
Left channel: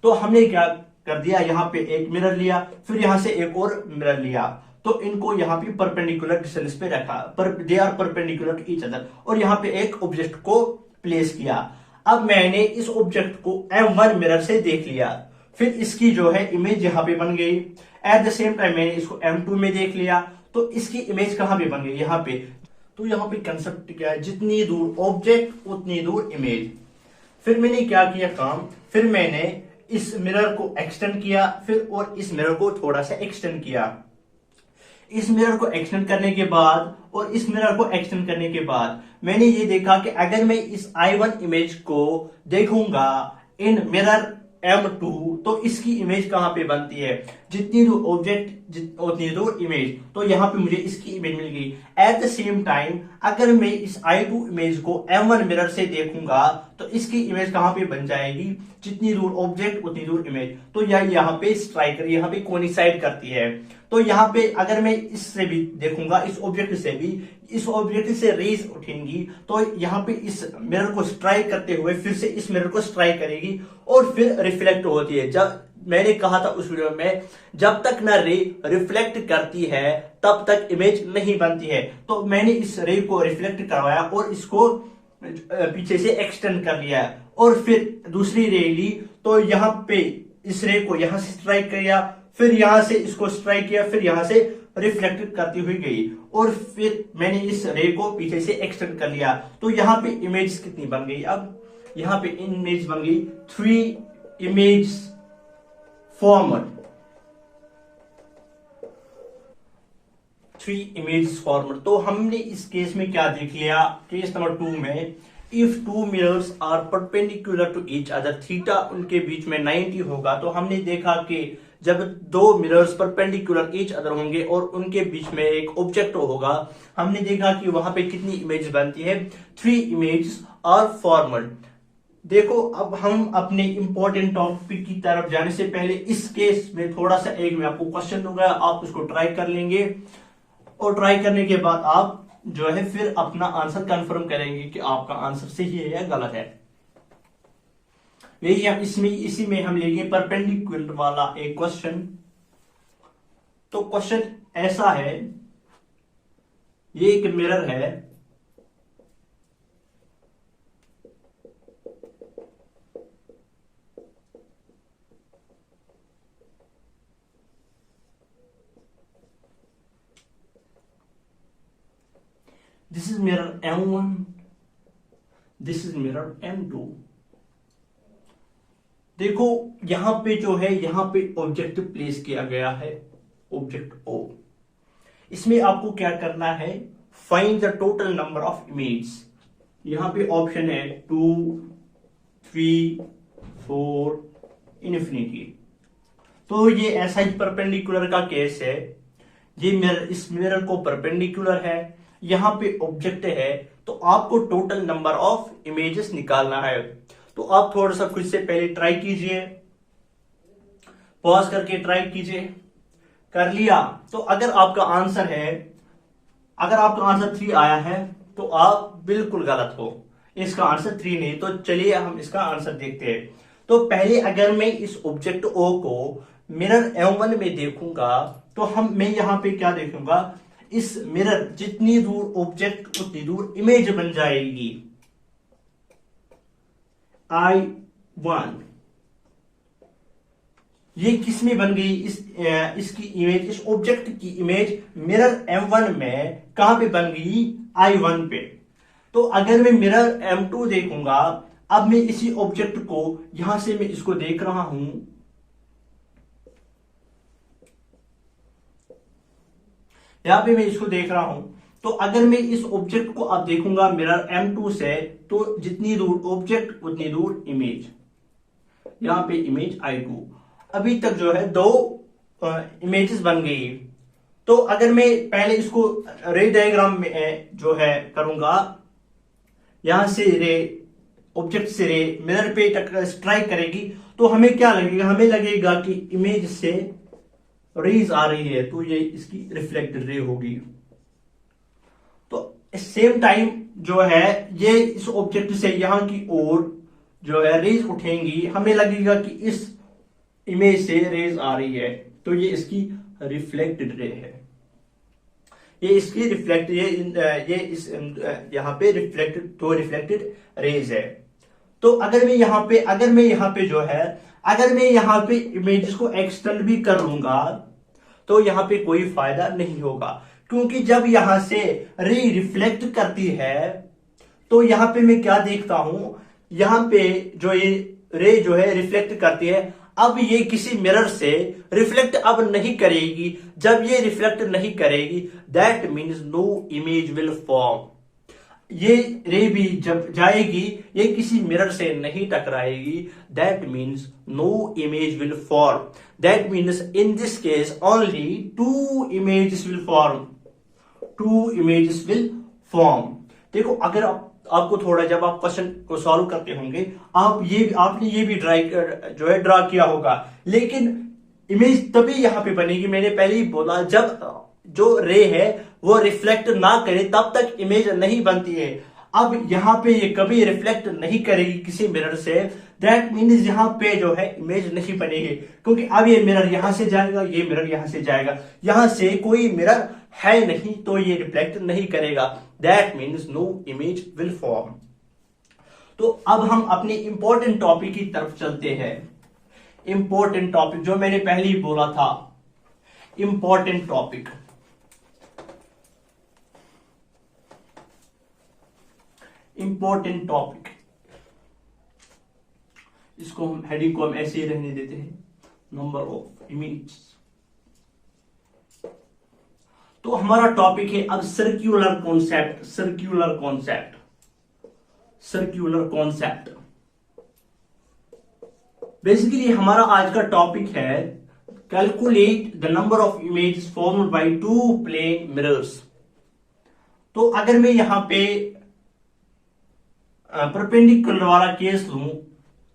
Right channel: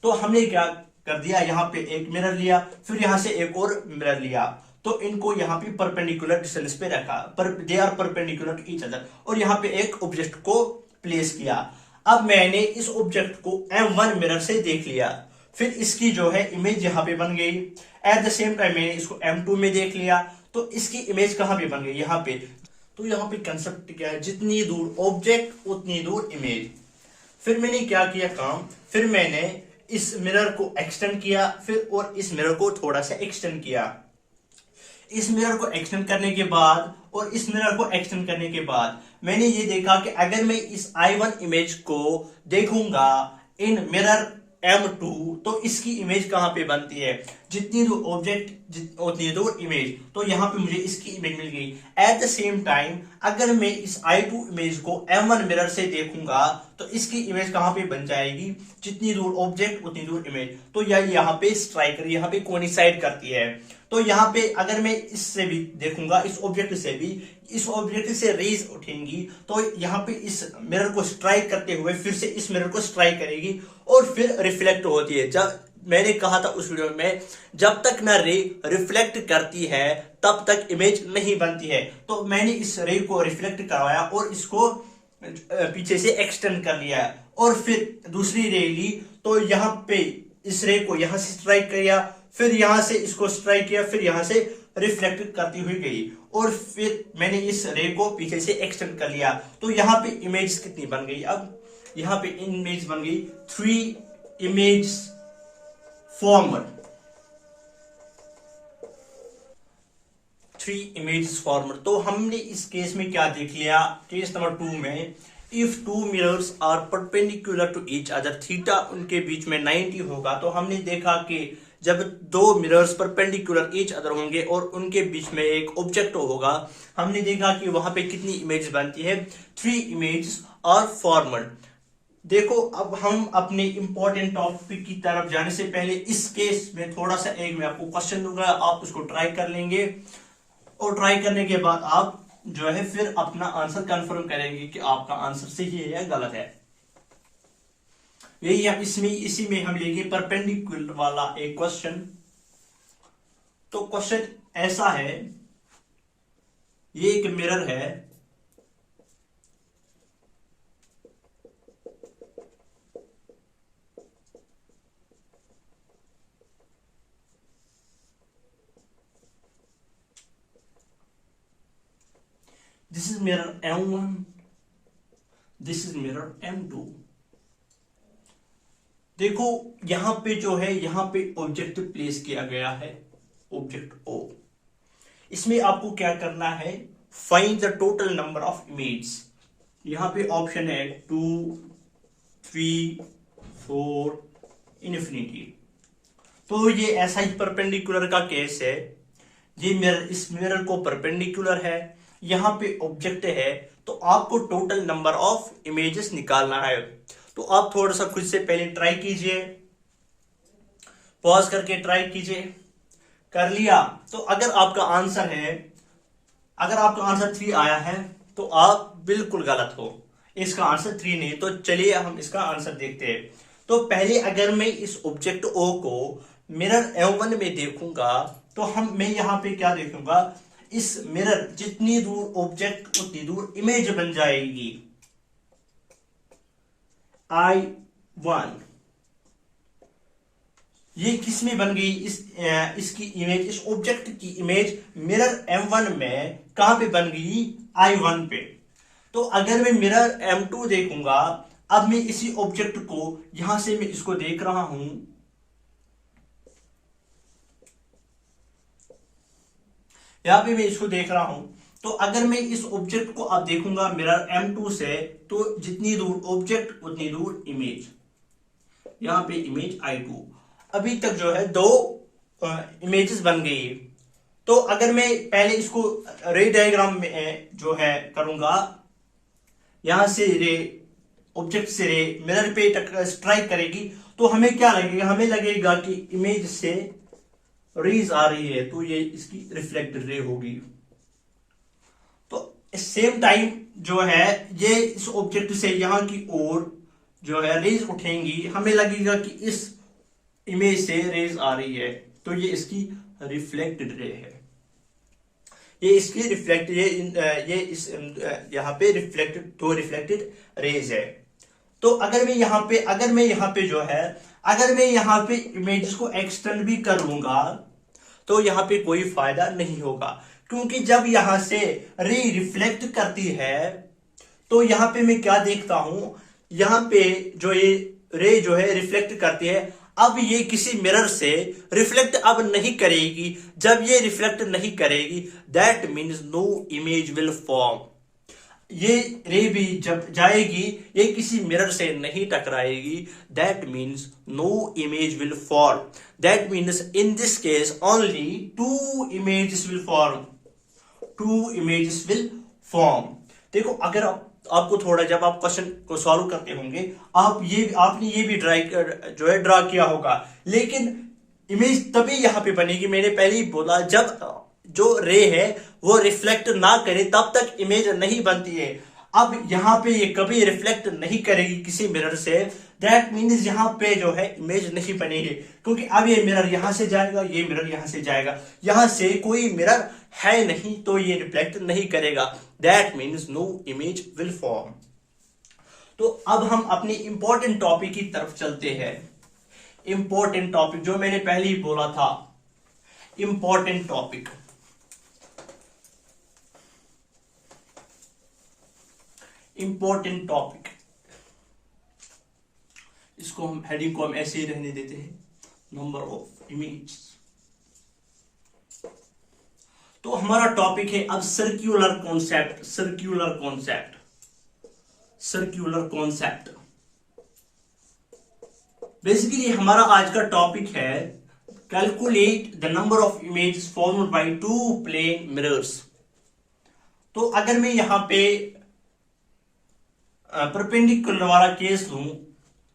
तो हमने क्या कर दिया, यहां पे एक मिरर लिया, फिर यहां से एक और मिरर लिया, तो इनको यहां पे परपेंडिकुलर डिस्टेंस पे रखा, पर they are perpendicular to each other, और यहां पे एक ऑब्जेक्ट को प्लेस किया। अब मैंने इस ऑब्जेक्ट को M1 मिरर से देख लिया, फिर इसकी जो है इमेज यहां पे बन गई। एट द सेम टाइम मैंने इसको M2 में देख लिया, तो इसकी इमेज कहां पे बन गई, यहां पे। तो यहां पे कंसेप्ट क्या है, जितनी दूर ऑब्जेक्ट उतनी दूर इमेज। फिर मैंने क्या किया काम, फिर मैंने इस मिरर को एक्सटेंड किया, फिर और इस मिरर को थोड़ा सा एक्सटेंड किया। इस मिरर को एक्सटेंड करने के बाद और इस मिरर को एक्सटेंड करने के बाद मैंने ये देखा कि अगर मैं इस I1 इमेज को देखूंगा इन मिरर M2, तो इसकी इमेज कहां पे बनती है, जितनी दूर ऑब्जेक्ट उतनी दूर इमेज। तो यहां पे मुझे इसकी इमेज मिल गई। एट द सेम टाइम अगर मैं इस I2 इमेज को M1 मिरर से देखूंगा, तो इसकी इमेज कहां पे बन जाएगी, जितनी दूर ऑब्जेक्ट उतनी दूर इमेज। तो यहां पे स्ट्राइकर यहां पे कोइंसाइड करती है। तो यहां पे अगर मैं इससे भी देखूंगा, इस ऑब्जेक्ट से भी, इस ऑब्जेक्ट से रेज उठेंगी, तो यहां पे इस मिरर को स्ट्राइक करते हुए फिर से इस मिरर को स्ट्राइक करेगी और फिर रिफ्लेक्ट होती है। जब मैंने कहा था उस वीडियो में, जब तक ना रे रिफ्लेक्ट करती है तब तक इमेज नहीं बनती है। तो मैंने इस रे को रिफ्लेक्ट करवाया और इसको पीछे से एक्सटेंड कर लिया, और फिर दूसरी रे ली, तो यहां पे इस रे को यहां से स्ट्राइक किया, फिर यहां से इसको स्ट्राइक किया, फिर यहां से रिफ्लेक्ट करती हुई गई, और फिर मैंने इस रे को पीछे से एक्सटेंड कर लिया। तो यहां पे इमेज कितनी बन गई, अब यहां पे इमेज बन गई 3 इमेज फॉर्मर, 3 इमेज फॉर्मर। तो हमने इस केस में क्या देख लिया, केस नंबर 2 में, if two mirrors are perpendicular to each other, theta उनके बीच में 90 होगा। तो हमने देखा कि जब दो मिरर्स परपेंडिकुलर ईच अदर होंगे और उनके बीच में एक ऑब्जेक्ट होगा, हमने देखा कि वहां पे कितनी इमेज बनती है, 3 इमेज आर फॉर्मड। देखो, अब हम अपने इंपॉर्टेंट टॉपिक की तरफ जाने से पहले इस केस में थोड़ा सा एक मैं आपको क्वेश्चन दूंगा, आप उसको ट्राई कर लेंगे, और ट्राई करने के बाद आप जो है फिर अपना आंसर कंफर्म करेंगे कि आपका आंसर सही है या गलत है। यही हम इसी में हम लेंगे परपेंडिकुलर वाला एक क्वेश्चन। तो क्वेश्चन ऐसा है, ये एक मिरर है, this is mirror M1, this is mirror M2, देखो यहां पे जो है, यहां पे ऑब्जेक्ट प्लेस किया गया है, ऑब्जेक्ट ओ। इसमें आपको क्या करना है, find the total number of image. यहां पे ऑप्शन है 2, 3, 4, इनफिनिटी। तो ये ऐसा ही परपेंडिकुलर का केस है, ये मिरर इस मिरर को परपेंडिकुलर है, यहां पे ऑब्जेक्ट है, तो आपको टोटल नंबर ऑफ इमेजेस निकालना है। तो आप थोड़ा सा खुद से पहले ट्राई कीजिए, पॉज करके ट्राई कीजिए। कर लिया तो अगर आपका आंसर है, अगर आपका आंसर 3 आया है तो आप बिल्कुल गलत हो, इसका आंसर 3 नहीं। तो चलिए हम इसका आंसर देखते हैं। तो पहले अगर मैं इस ऑब्जेक्ट ओ को मिरर M1 में देखूंगा तो मैं यहां पे क्या देखूंगा, इस मिरर जितनी दूर ऑब्जेक्ट उतनी दूर इमेज बन जाएगी, I1। ये किस में बन गई, इसकी इमेज, इस ऑब्जेक्ट की इमेज मिरर M1 में कहां पे बन गई, I1 पे। तो अगर मैं मिरर M2 देखूंगा, अब मैं इसी ऑब्जेक्ट को यहां से मैं इसको देख रहा हूं, यहां पे मैं इसको देख रहा हूं। तो अगर मैं इस ऑब्जेक्ट को अब देखूंगा मिरर M2 से, तो जितनी दूर ऑब्जेक्ट उतनी दूर इमेज, यहां पे इमेज I2। अभी तक जो है 2 इमेजेस बन गई। तो अगर मैं पहले इसको रे डायग्राम में जो है करूंगा, यहां से रे, ऑब्जेक्ट से रे मिरर पे स्ट्राइक करेगी, तो हमें क्या लगेगा, हमें लगेगा कि इमेज से रेज आ रही है, तो ये इसकी रिफ्लेक्टेड रे होगी। तो सेम टाइम जो है ये इस ऑब्जेक्ट से यहां की ओर जो है रेज उठेंगी, हमें लगेगा कि इस इमेज से रेज आ रही है, तो ये इसकी रिफ्लेक्टेड रे है। ये इसकी रिफ्लेक्ट ये इस यहां पे रिफ्लेक्टेड, दो रिफ्लेक्टेड रेज है। तो अगर मैं यहां पे जो है, अगर मैं यहां पे इमेजेस को एक्सटेंड भी कर लूंगा तो यहां पे कोई फायदा नहीं होगा, क्योंकि जब यहां से रे रिफ्लेक्ट करती है तो यहां पे मैं क्या देखता हूं, यहां पे जो ये रे जो है रिफ्लेक्ट करती है, अब ये किसी मिरर से रिफ्लेक्ट अब नहीं करेगी। जब ये रिफ्लेक्ट नहीं करेगी, that means no image will form. ये रे भी जब जाएगी, ये किसी मिरर से नहीं टकराएगी, that means no image will form. That means in this case only 2 images will form, 2 images will form. देखो अगर आपको थोड़ा, जब आप क्वेश्चन को सॉल्व करते होंगे, आपने ये भी जो है ड्रा किया होगा, लेकिन इमेज तभी यहां पे बनेगी, मैंने पहले ही बोला, जब जो रे है वो रिफ्लेक्ट ना करे तब तक इमेज नहीं बनती है। अब यहां पे ये कभी रिफ्लेक्ट नहीं करेगी किसी मिरर से, दैट मीन्स यहां पे जो है इमेज नहीं बनेगी, क्योंकि अब ये मिरर यहां से जाएगा, ये मिरर यहां से जाएगा, यहां से कोई मिरर है नहीं, तो ये रिफ्लेक्ट नहीं करेगा, that means no image will form. तो अब हम अपने इंपॉर्टेंट टॉपिक की तरफ चलते हैं। इंपॉर्टेंट टॉपिक जो मैंने पहले ही बोला था, इंपॉर्टेंट टॉपिक, इंपॉर्टेंट टॉपिक, इसको हम हेडिंग को हम ऐसे ही रहने देते हैं, नंबर ऑफ इमेज। तो हमारा टॉपिक है अब circular concept, circular concept, circular concept. Basically हमारा आज का टॉपिक है calculate the number of images formed by 2 plane mirrors. तो अगर मैं यहां पे परपेंडिकुलर वाला केस लूं,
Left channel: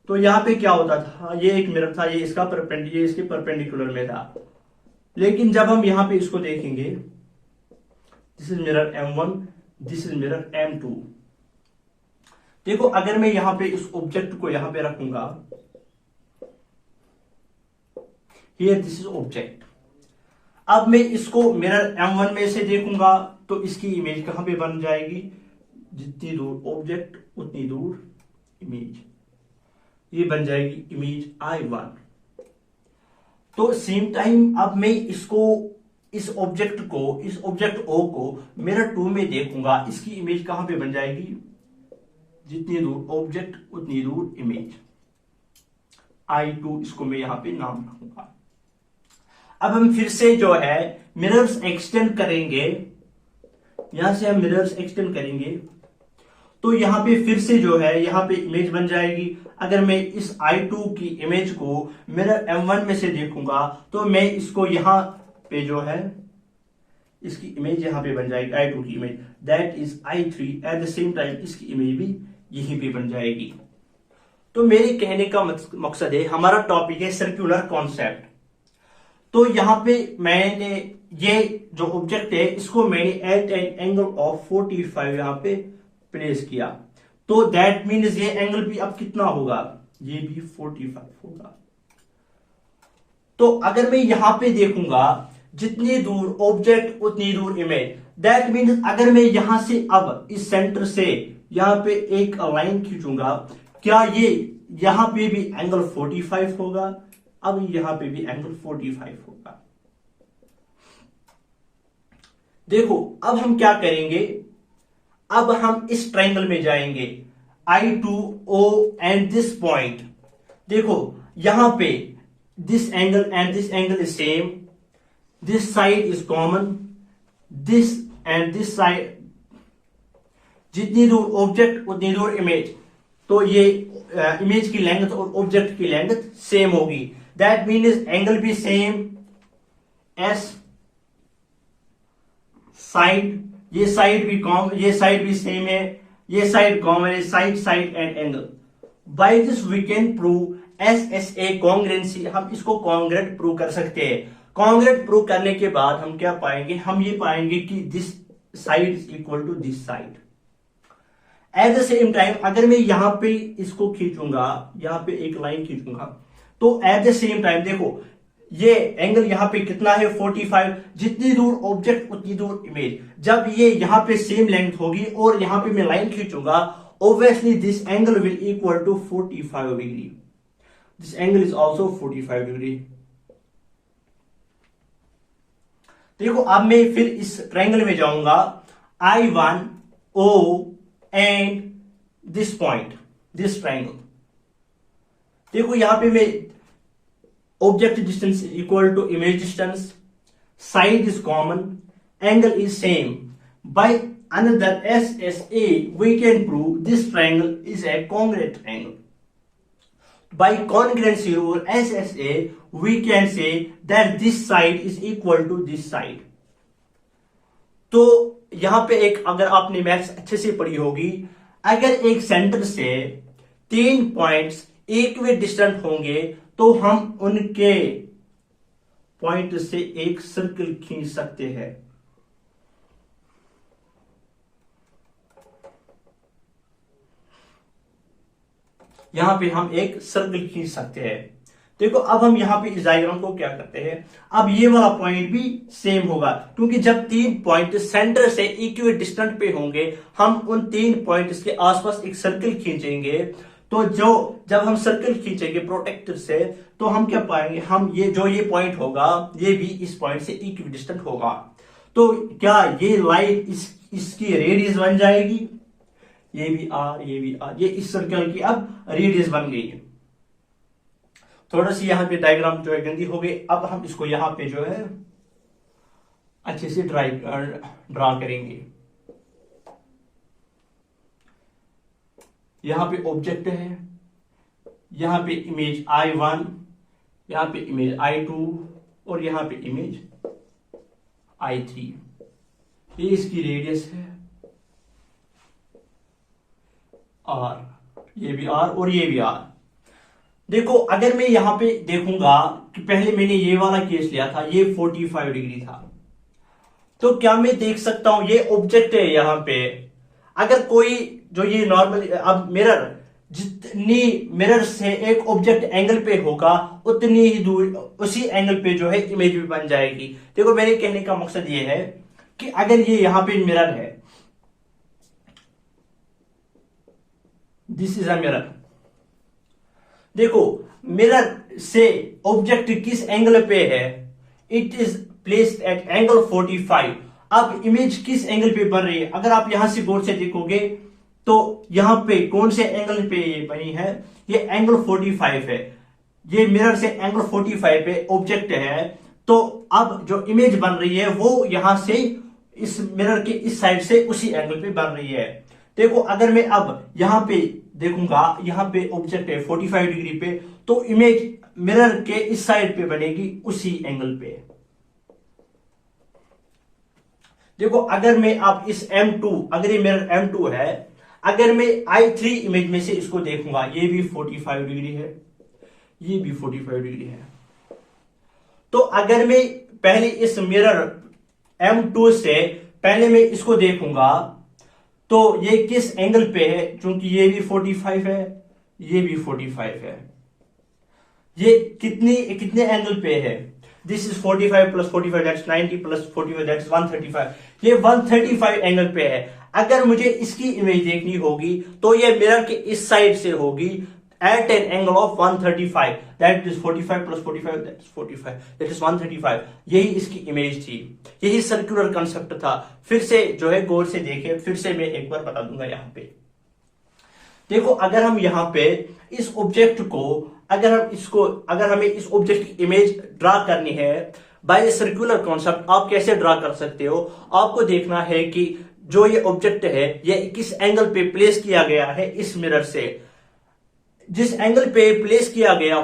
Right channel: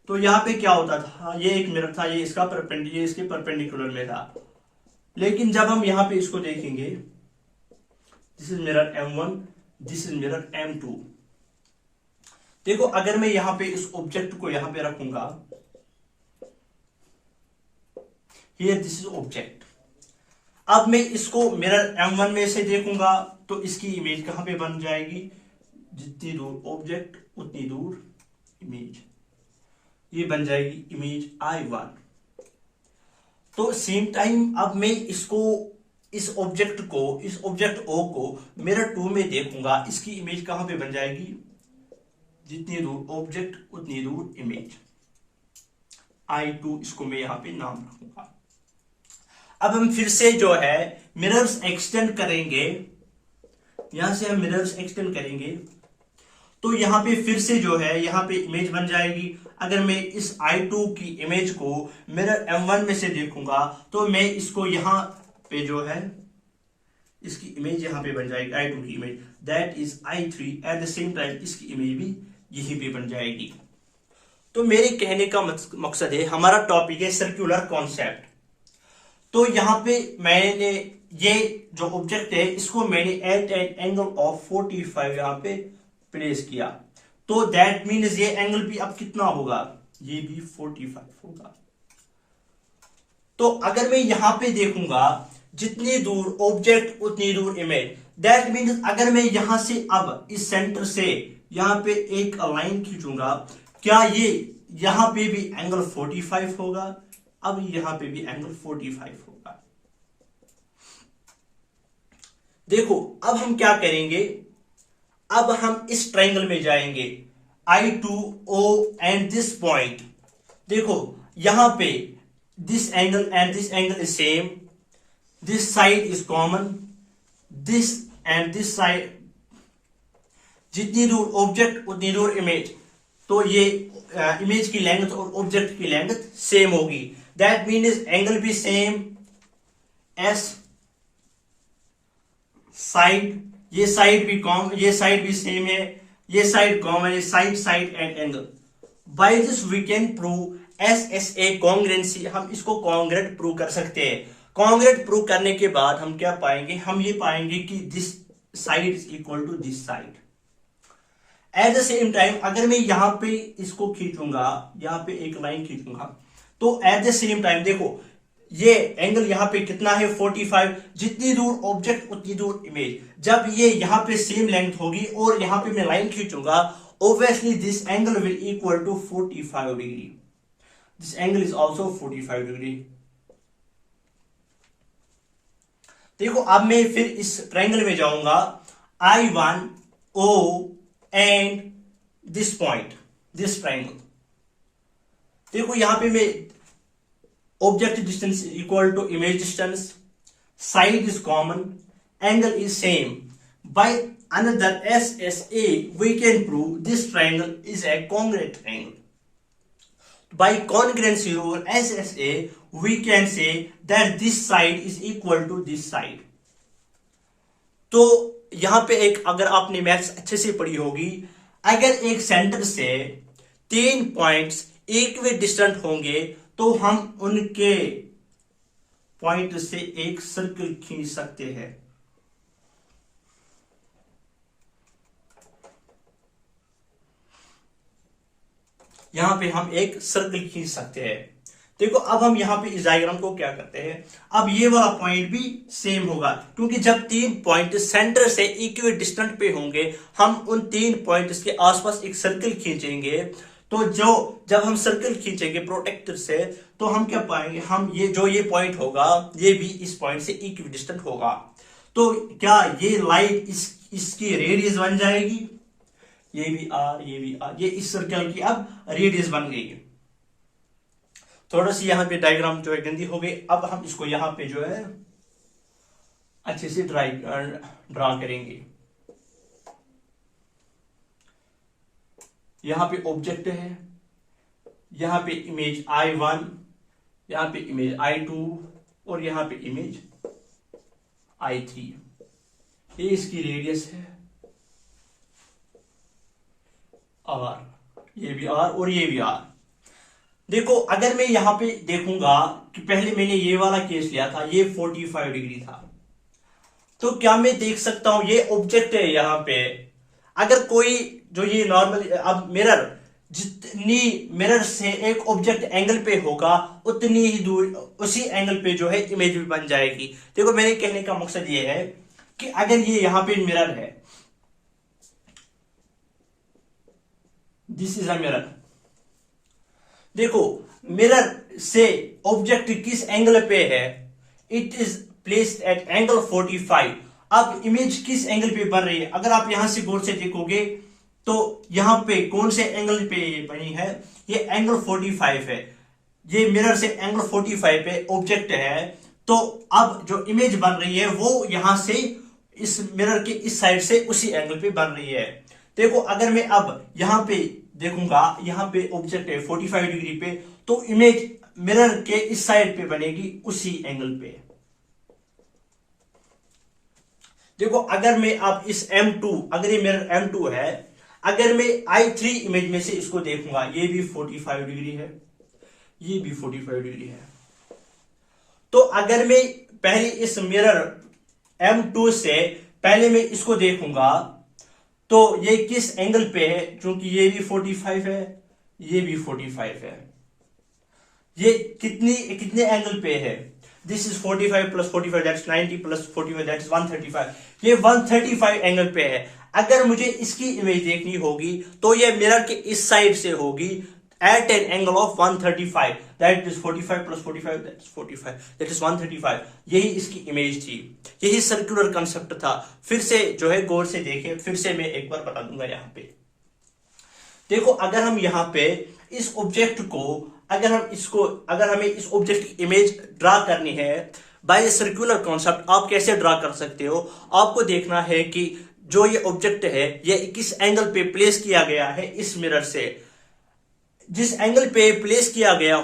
तो यहां पे क्या होता था, ये एक मिरर था, ये इसका परपेंडिकुलर, ये इसके परपेंडिकुलर में था। लेकिन जब हम यहां पे इसको देखेंगे, this is mirror M1, this is mirror M2। देखो अगर मैं यहां पे इस ऑब्जेक्ट को यहां पे रखूंगा, हियर दिस इज ऑब्जेक्ट, अब मैं इसको मिरर M1 में से देखूंगा तो इसकी इमेज कहां पे बन जाएगी, जितनी दूर ऑब्जेक्ट उतनी दूर इमेज, ये बन जाएगी इमेज I1। तो सेम टाइम अब मैं इसको, इस ऑब्जेक्ट O को मिरर 2 में देखूंगा, इसकी इमेज कहां पे बन जाएगी, जितनी दूर ऑब्जेक्ट उतनी दूर इमेज, I2 इसको मैं यहां पे नाम रखूंगा। अब हम फिर से जो है मिरर्स एक्सटेंड करेंगे, यहां से हम मिरर्स एक्सटेंड करेंगे तो यहां पे फिर से जो है यहां पे इमेज बन जाएगी। अगर मैं इस I2 की इमेज को मिरर M1 में से देखूंगा तो मैं इसको यहां पे जो है इसकी इमेज यहां पे बन जाएगी, I2 की image, that is I3। Eight the same time इसकी इमेज भी यहीं पे बन जाएगी। तो मेरे कहने का मकसद है, हमारा टॉपिक है सर्कुलर कॉन्सेप्ट। तो यहां पे मैंने ये जो ऑब्जेक्ट है इसको मैंने एट एन एंगल ऑफ 45 यहां पे प्लेस किया, तो दैट मीन्स ये एंगल भी अब कितना होगा, ये भी 45 होगा। तो अगर मैं यहां पे देखूंगा जितनी दूर ऑब्जेक्ट उतनी दूर इमेज, दैट मीन्स अगर मैं यहां से अब इस सेंटर से यहां पे एक लाइन खींचूंगा, क्या ये यहां पे भी एंगल 45 होगा, अब यहां पे भी एंगल 45 होगा। देखो अब हम क्या करेंगे, अब हम इस ट्रायंगल में जाएंगे I2O एंड दिस पॉइंट। देखो यहां पे this angle and this angle is same, this side is common, this and this side, जितनी दूर ऑब्जेक्ट उतनी दूर इमेज, तो ये इमेज की लेंथ और ऑब्जेक्ट की लेंथ सेम होगी, दैट मीन्स एंगल भी सेम, एस साइड, ये साइड भी कॉमन, ये साइड भी सेम है, ये साइड कॉमन है, side and angle. By this we can prove SSA congruency, हम इसको कॉन्ग्रुएंट प्रूव कर सकते हैं। कॉन्ग्रुएंट प्रूव करने के बाद हम क्या पाएंगे, हम ये पाएंगे कि this side is equal to this side. At the same time अगर मैं यहां पे इसको खींचूंगा, यहां पे एक लाइन खींचूंगा, तो एट द सेम टाइम देखो ये एंगल यहां पे कितना है 45, जितनी दूर ऑब्जेक्ट उतनी दूर इमेज। जब ये यहां पे सेम लेंथ होगी और यहां पे मैं लाइन खींचूंगा, obviously this angle will equal to 45 degree, this angle is also 45 degree. देखो अब मैं फिर इस ट्रायंगल में जाऊंगा, I1O and this point, this triangle. देखो यहां पे मैं object distance is equal to image distance, side is common, angle is same. By another SSA we can prove this triangle is a congruent triangle. By congruency or SSA we can say that this side is equal to this side. तो यहां पे एक, अगर आपने मैथ्स अच्छे से पढ़ी होगी, अगर एक सेंटर से 3 पॉइंट्स इक्वी डिस्टेंट होंगे तो हम उनके पॉइंट से एक सर्कल खींच सकते हैं। यहां पे हम एक सर्कल खींच सकते हैं। देखो अब हम यहां पे इस डायग्राम को क्या करते हैं, अब ये वाला पॉइंट भी सेम होगा, क्योंकि जब 3 पॉइंट सेंटर से इक्वी डिस्टेंट पे होंगे, हम उन 3 पॉइंट्स के आसपास एक सर्कल खींचेंगे। तो जब हम सर्कल खींचेंगे प्रोटेक्टर से, तो हम क्या पाएंगे, हम ये पॉइंट होगा ये भी इस पॉइंट से इक्वी डिस्टेंट होगा। तो क्या ये लाइन इसकी रेडियस बन जाएगी, ये भी आर, ये भी आर, ये इस सर्कल की अब रेडियस बन गई। थोड़ा सी यहां पे डायग्राम जो है गंदी हो गई, अब हम इसको यहां पे जो है अच्छे से ड्रा करेंगे। यहां पे ऑब्जेक्ट है, यहां पे इमेज I1, यहां पे इमेज I2 और यहां पे इमेज I3। ये इसकी रेडियस है R, ये भी R और ये भी R। देखो अगर मैं यहां पे देखूंगा कि पहले मैंने ये वाला केस लिया था, ये 45 डिग्री था, तो क्या मैं देख सकता हूं ये ऑब्जेक्ट है यहां पे, अगर कोई जो ये नॉर्मल, अब मिरर जितनी मिरर से एक ऑब्जेक्ट एंगल पे होगा उतनी ही दूर उसी एंगल पे जो है इमेज भी बन जाएगी। देखो मेरे कहने का मकसद ये है कि अगर ये यहां पे मिरर है, दिस इज अ मिरर, देखो मिरर से ऑब्जेक्ट किस एंगल पे है, it is placed at angle 45। अब इमेज किस एंगल पे बन रही है, अगर आप यहां से गौर से देखोगे तो यहां पे कौन से एंगल पे ये बनी है, ये एंगल 45 है। ये मिरर से एंगल 45 पे ऑब्जेक्ट है, तो अब जो इमेज बन रही है वो यहां से इस मिरर के इस साइड से उसी एंगल पे बन रही है। देखो अगर मैं अब यहां पे देखूंगा, यहां पे ऑब्जेक्ट है 45 डिग्री पे, तो इमेज मिरर के इस साइड पे बनेगी उसी एंगल पे। देखो अगर मैं अब इस M2, अगर ये मिरर M2 है, अगर मैं I3 इमेज में से इसको देखूंगा, ये भी 45 डिग्री है, ये भी 45 डिग्री है। तो अगर मैं पहले इस मिरर M2 से पहले मैं इसको देखूंगा, तो ये किस एंगल पे है, क्योंकि ये भी 45 है, ये भी 45 है, ये कितने एंगल पे है, this is 45 plus 45 that's 90 plus 45 that's 135, ये 135 एंगल पे है। अगर मुझे इसकी इमेज देखनी होगी तो ये मिरर के इस साइड से होगी at an angle of 135, that is 45 plus 45 that is 45, that is 135। यही इसकी इमेज थी, यही सर्कुलर कंसेप्ट था। फिर से जो है गौर से देखें, फिर से मैं एक बार बता दूंगा। यहाँ पे देखो अगर हम यहाँ पे इस ऑब्जेक्ट को, अगर हमें इस ऑब्जेक्ट की इमेज ड्रा करनी है बाय सर्कुलर कॉन्सेप्ट, आप कैसे ड्रा कर सकते हो? आपको देखना है कि जो ये ऑब्जेक्ट है ये किस एंगल पे प्लेस किया गया है इस मिरर से। जिस एंगल पे प्लेस किया गया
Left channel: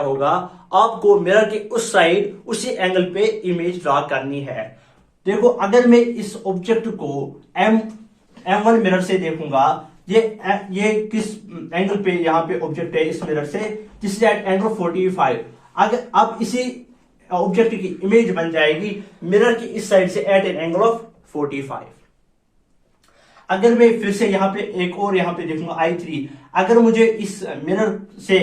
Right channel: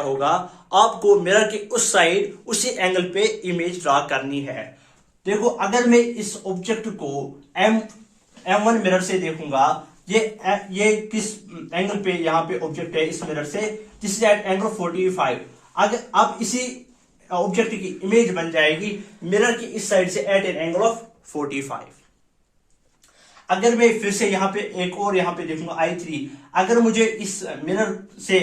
होगा, आपको मिरर के उस साइड उसी एंगल पे इमेज ड्रा करनी है। देखो अगर मैं इस ऑब्जेक्ट को M1 मिरर से देखूंगा, ये किस एंगल पे यहाँ पे ऑब्जेक्ट है इस मिरर से, दिस इज एट एंगल 45। अगर अब इसी ऑब्जेक्ट की इमेज बन जाएगी मिरर की इस साइड से एट एन एंगल ऑफ 45। अगर मैं फिर से यहाँ पे एक और यहाँ पे देखूंगा I3, अगर मुझे इस मिरर से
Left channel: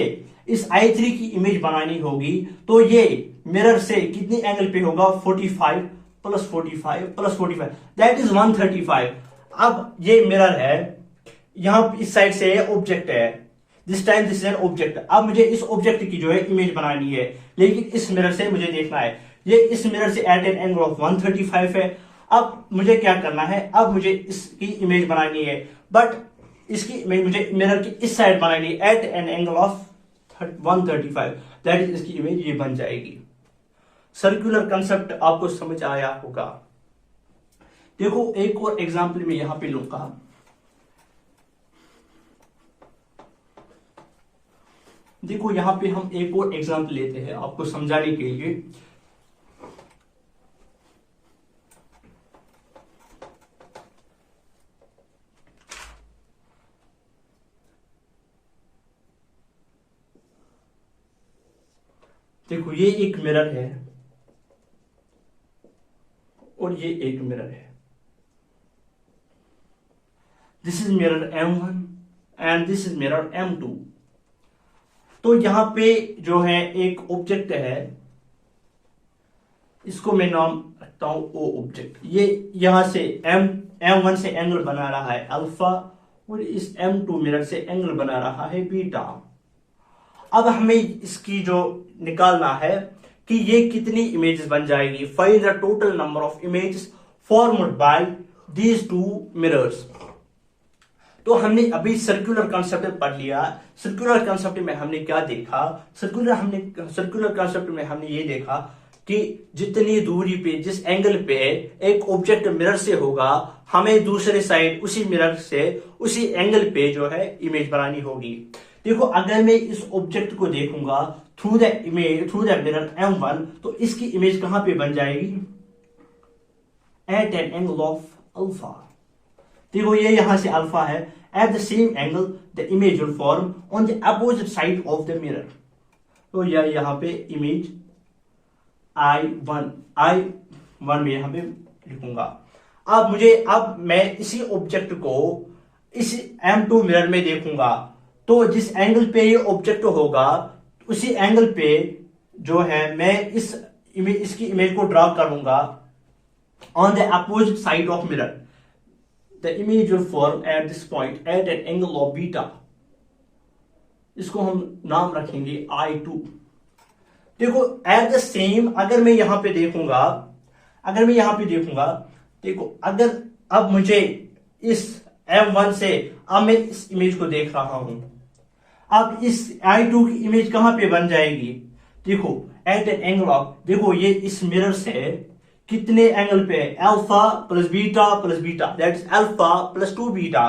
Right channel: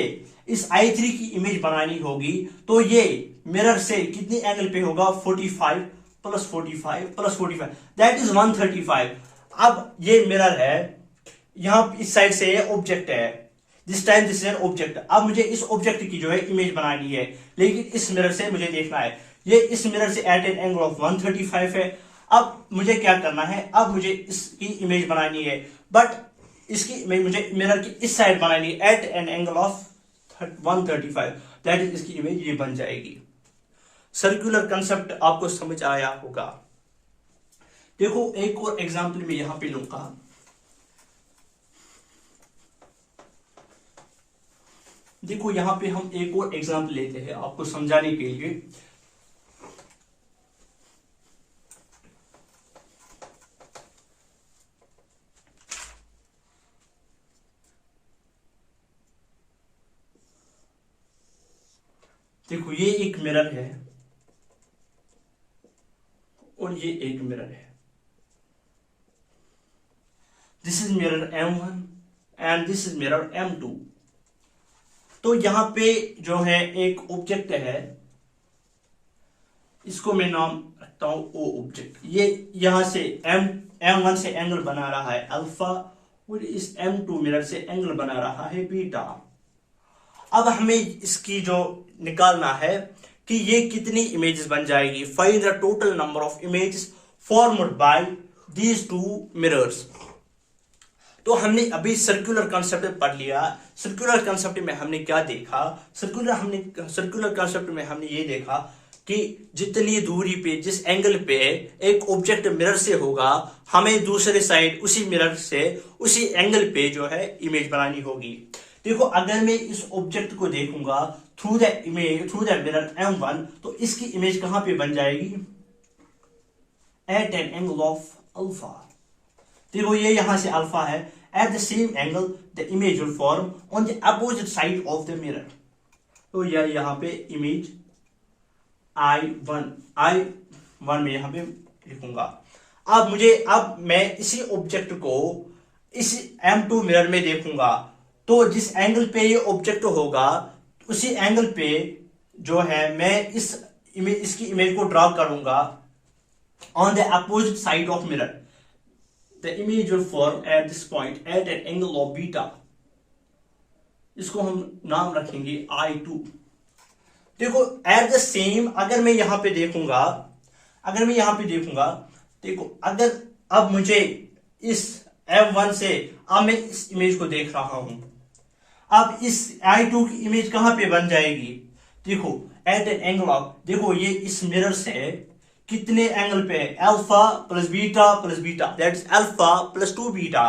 इस I3 की इमेज बनानी होगी, तो ये मिरर से कितनी एंगल पे होगा, 45 प्लस 45 प्लस 45 दैट इज 135। अब ये मिरर है, यहां इस साइड से ऑब्जेक्ट है, this time this is an object. अब मुझे इस ऑब्जेक्ट की जो है इमेज बनानी है, लेकिन इस मिरर से मुझे देखना है, ये इस मिरर से एट एन एंगल ऑफ 135 है। अब मुझे क्या करना है, अब मुझे इसकी इमेज बनानी है, बट इसकी इमेज मुझे मिरर की इस साइड बनानी है at an angle of 135, that is इसकी इमेज ये बन जाएगी। सर्कुलर कंसेप्ट आपको समझ आया होगा। देखो एक और एग्जांपल में यहां पे लूंगा। देखो यहां पे हम एक और एग्जांपल लेते हैं आपको समझाने के लिए। देखो ये एक मिरर है और ये एक मिरर है, this is mirror M1 and this is mirror M2। तो यहां पे जो है एक ऑब्जेक्ट है, इसको मैं नाम रखता हूं O ऑब्जेक्ट। ये यहां से M1 से एंगल बना रहा है अल्फा, और इस M2 मिरर से एंगल बना रहा है बीटा। अब हमें इसकी जो निकालना है कि ये कितनी इमेजेस बन जाएगी। Find the total number of images formed bye these two mirrors. तो हमने अभी सर्कुलर कंसेप्ट पढ़ लिया। सर्कुलर कंसेप्ट में हमने क्या देखा, सर्कुलर कंसेप्ट में हमने ये देखा कि जितनी दूरी पे, जिस एंगल पे एक ऑब्जेक्ट मिरर से होगा, हमें दूसरे साइड उसी मिरर से उसी एंगल पे जो है इमेज बनानी होगी। देखो अगर मैं इस ऑब्जेक्ट को देखूंगा थ्रू द मिरर M1, तो इसकी इमेज कहां पे बन जाएगी, at an angle of alpha. देखो ये यहां से अल्फा है, at the same angle the image will form on the opposite side of the mirror. तो यहां पे इमेज I1 में यहां पे लिखूंगा। अब मैं इसी ऑब्जेक्ट को इस M2 मिरर में देखूंगा, तो जिस एंगल पे ये ऑब्जेक्ट होगा उसी एंगल पे जो है मैं इसकी इमेज को ड्रॉ करूंगा on the opposite side of mirror. The image will form at this point at an angle of beta. इसको हम नाम रखेंगे I2। देखो एट द सेम, अगर मैं यहां पे देखूंगा, देखो अगर अब मुझे इस M1 से, अब मैं इस इमेज को देख रहा हूं, अब इस I2 की इमेज कहां पे बन जाएगी? देखो एट एन एंगल ऑफ, देखो ये इस मिरर से कितने एंगल पे है? Alpha plus beta, that is alpha plus 2 beta.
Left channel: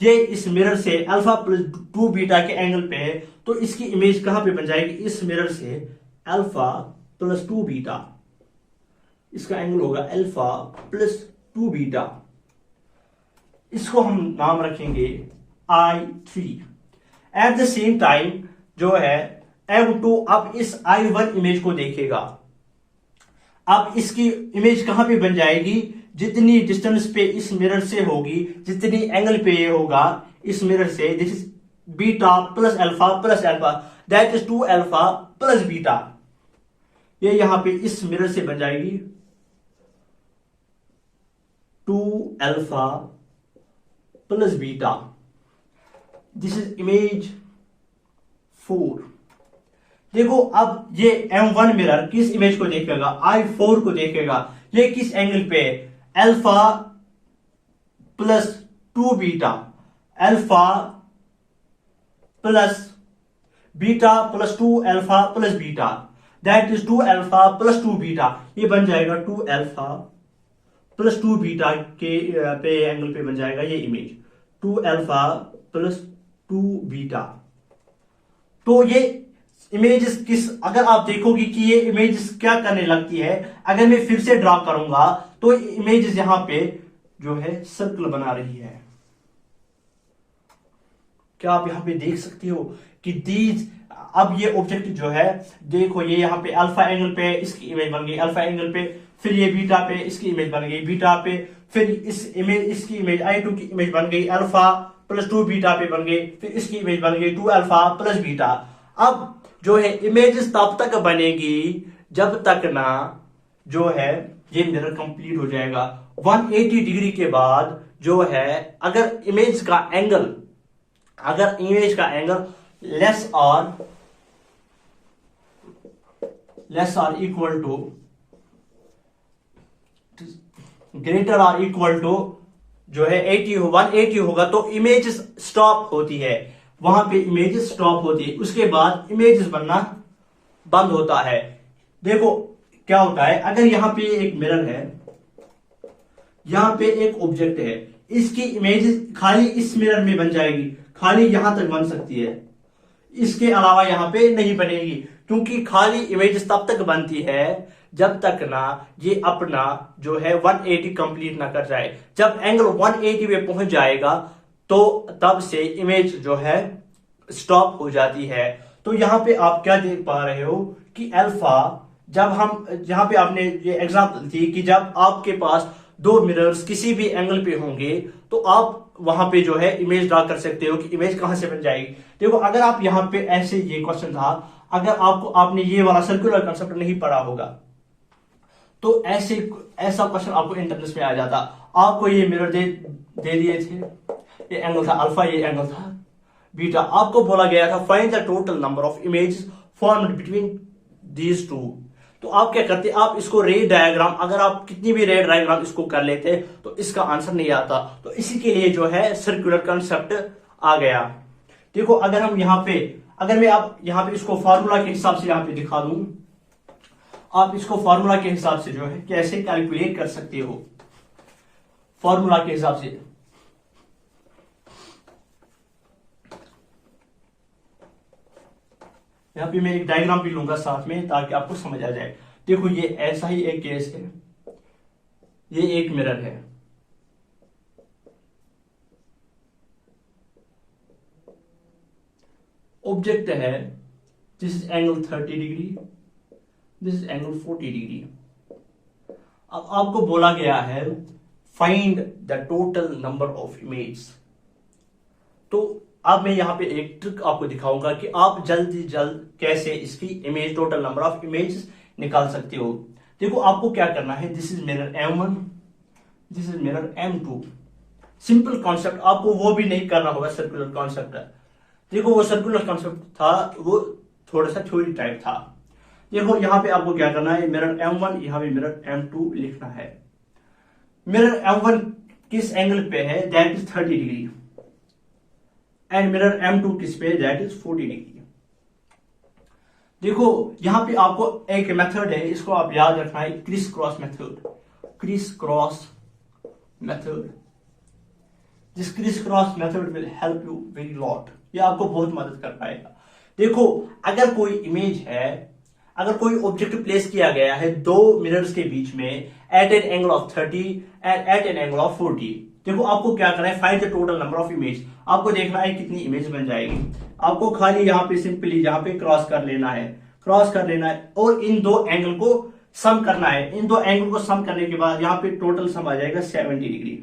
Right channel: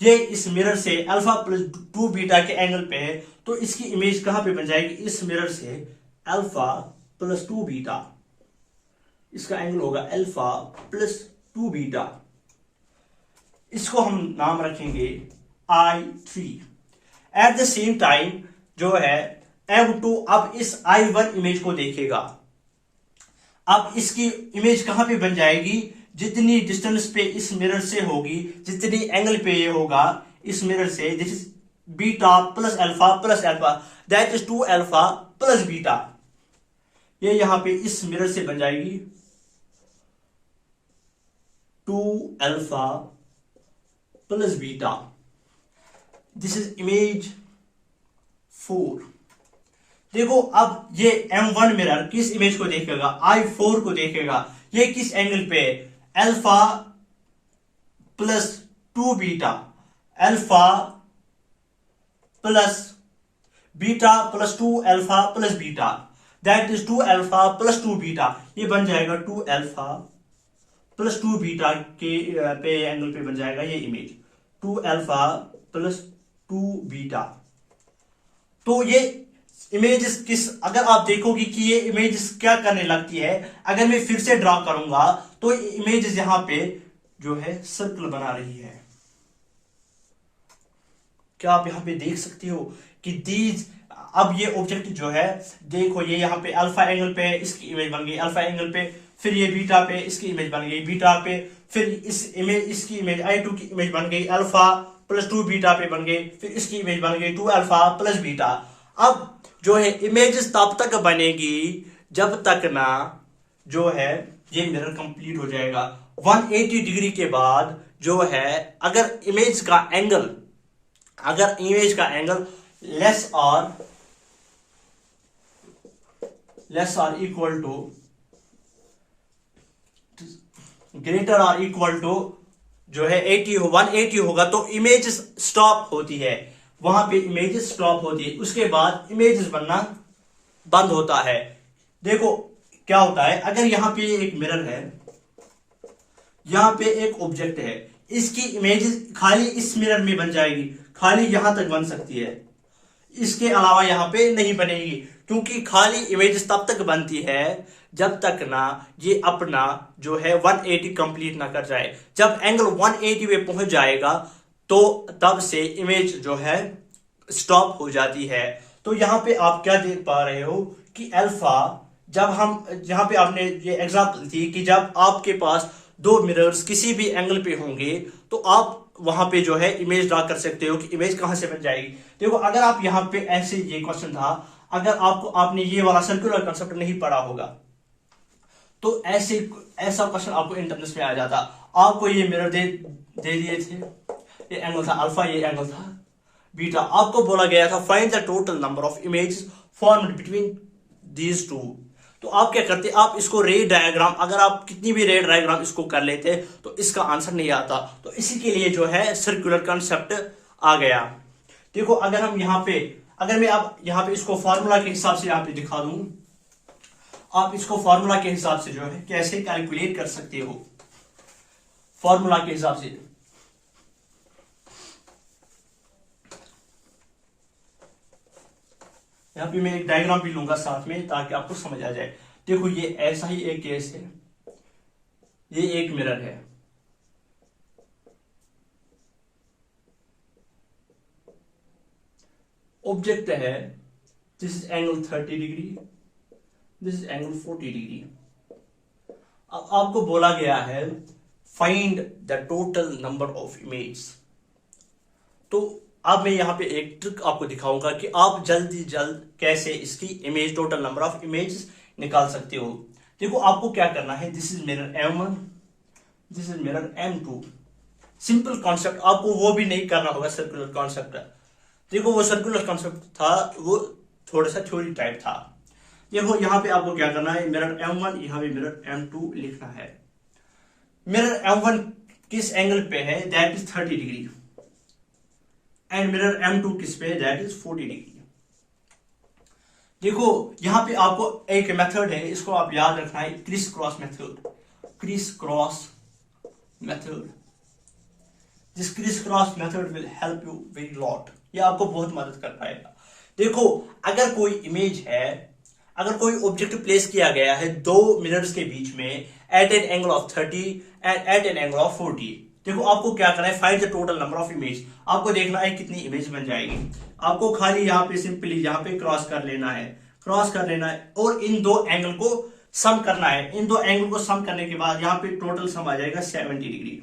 ये इस मिरर से अल्फा प्लस 2 बीटा के एंगल पे है, तो इसकी इमेज कहां पे बन जाएगी? इस मिरर से अल्फा प्लस 2 बीटा, इसका एंगल होगा अल्फा प्लस 2 बीटा। इसको हम नाम रखेंगे I3। Eight the same time जो है M2 अब इस I1 इमेज को देखेगा। अब इसकी इमेज कहां पे बन जाएगी? जितनी डिस्टेंस पे इस मिरर से होगी, जितनी एंगल पे ये होगा इस मिरर से, this is beta plus alpha, that is 2 alpha plus beta. ये यहां पे इस मिरर से बन जाएगी 2 alpha plus beta. This is image 4। देखो अब ये M1 मिरर किस इमेज को देखेगा? I4 को देखेगा। ये किस एंगल पे है? Alpha plus 2 beta, alpha plus beta plus 2 alpha plus beta, that is 2 alpha plus 2 beta. ये बन जाएगा 2 अल्फा प्लस 2 बीटा के पे एंगल पे बन जाएगा ये इमेज 2 अल्फा प्लस 2 बीटा। तो ये इमेजेस किस, अगर आप देखोगे कि ये इमेजेस क्या करने लगती है, अगर मैं फिर से ड्रॉ करूंगा तो इमेजेस यहां पे जो है सर्कल बना रही है। क्या आप यहां पे देख सकते हो कि दीज, अब ये ऑब्जेक्ट जो है, देखो ये यहां पे अल्फा एंगल पे इसकी इमेज बन गई अल्फा एंगल पे, फिर ये बीटा पे इसकी इमेज बन गई बीटा पे, फिर इसकी इमेज I2 की इमेज बन गई अल्फा प्लस 2 बीटा पे बन गई, फिर इसकी इमेज बन गई 2 अल्फा प्लस बीटा। अब जो है इमेज तब तक बनेगी जब तक ना जो है ये मिरर कंप्लीट हो जाएगा। 180 डिग्री के बाद जो है अगर इमेज का एंगल लेस और इक्वल टू ग्रेटर और इक्वल टू जो है 180 होगा तो इमेज स्टॉप होती है, वहां पे इमेजेस स्टॉप होती है, उसके बाद इमेजेस बनना बंद होता है। देखो क्या होता है, अगर यहां पे एक मिरर है, यहां पे एक ऑब्जेक्ट है, इसकी इमेजेस खाली इस मिरर में बन जाएगी, खाली यहां तक बन सकती है, इसके अलावा यहां पे नहीं बनेगी, क्योंकि खाली इमेजेस तब तक बनती है जब तक ना ये अपना जो है 180 कंप्लीट ना कर जाए। जब एंगल 180 पे पहुंच जाएगा तो तब से इमेज जो है स्टॉप हो जाती है। तो यहां पे आप क्या देख पा रहे हो कि अल्फा, जब हम यहां पे आपने ये एग्जांपल थी कि जब आपके पास दो मिरर्स किसी भी एंगल पे होंगे तो आप वहां पे जो है इमेज ड्रा कर सकते हो कि इमेज कहां से बन जाएगी। देखो अगर आप यहां पे ऐसे, ये क्वेश्चन था, अगर आपने ये वाला सर्कुलर कंसेप्ट नहीं पढ़ा होगा तो ऐसा क्वेश्चन आपको इंटरनेट में आ जाता। आपको ये मिरर दे दिए थे, ये एंगल था अल्फा, ये एंगल था बीटा, आपको बोला गया था find the total number of images formed between these two. तो आप क्या करते, आप इसको रे डायग्राम, अगर आप कितनी भी रे डायग्राम इसको कर लेते तो इसका आंसर नहीं आता। तो इसी के लिए जो है सर्कुलर कंसेप्ट आ गया। देखो अगर हम यहां पे, अगर मैं आप यहां पे इसको फार्मूला के हिसाब से यहां पे दिखा दूं, आप इसको फार्मूला के हिसाब से जो है कैसे कैलकुलेट कर सकते हो, फार्मूला के हिसाब से। यहां पे मैं एक डायग्राम भी लूंगा साथ में ताकि आपको समझ आ जाए। देखो ये ऐसा ही एक केस है, ये एक मिरर है, ऑब्जेक्ट है, this is angle 30 degree, this is angle 40 degree. अब आपको बोला गया है find the total number of image. तो अब मैं यहां पे एक ट्रिक आपको दिखाऊंगा कि आप जल्दी जल्द कैसे इसकी image, total number of image निकाल सकते हो। देखो आपको क्या करना है, this is mirror M1, this is mirror M2। Simple concept, आपको वो भी नहीं करना होगा सर्कुलर कॉन्सेप्ट। देखो वो सर्कुलर कॉन्सेप्ट था, वो थोड़ा सा थ्योरी टाइप था। देखो यहां पे आपको क्या करना है, मिरर M1, यहां पे मिरर M2 लिखना है। मिरर M1 किस एंगल पे है, that is 30 degree. And mirror M2 किस पे, दैट इज 40 डिग्री। देखो यहां पे आपको एक मेथड है, इसको आप याद रखना है, criss cross method. Criss cross method, this criss cross method will help you very lot, ये आपको बहुत मदद कर पाएगा। देखो अगर कोई इमेज है, अगर कोई ऑब्जेक्ट प्लेस किया गया है दो मिरर्स के बीच में at an angle of 30 and at an angle of 40, देखो आपको क्या करना है, find the total number of image. आपको देखना है कितनी इमेज बन जाएगी। आपको खाली यहाँ पे सिंपली यहाँ पे क्रॉस कर लेना है, क्रॉस कर लेना है और इन दो एंगल को सम करना है। इन दो एंगल को सम करने के बाद यहाँ पे टोटल सम आ जाएगा 70 डिग्री।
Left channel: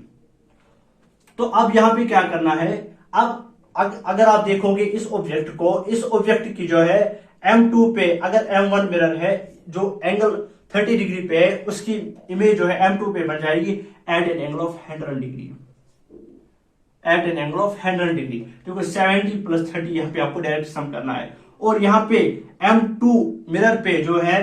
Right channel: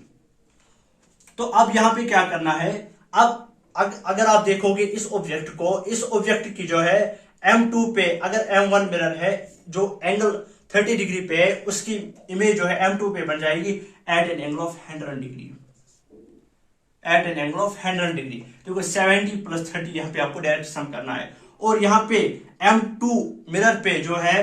तो अब यहाँ पे क्या करना है, अब अगर आप देखोगे इस ऑब्जेक्ट को, इस ऑब्जेक्ट की जो है M2 पे अगर M1 मिरर है जो एंगल 30 डिग्री पे है, उसकी इमेज जो है M2 पे बन जाएगी at an angle of 100 degree, at an angle of 100 degree. देखो 70 प्लस 30 यहाँ पे आपको डायरेक्ट सम करना है। और यहाँ पे M2 मिरर पे जो है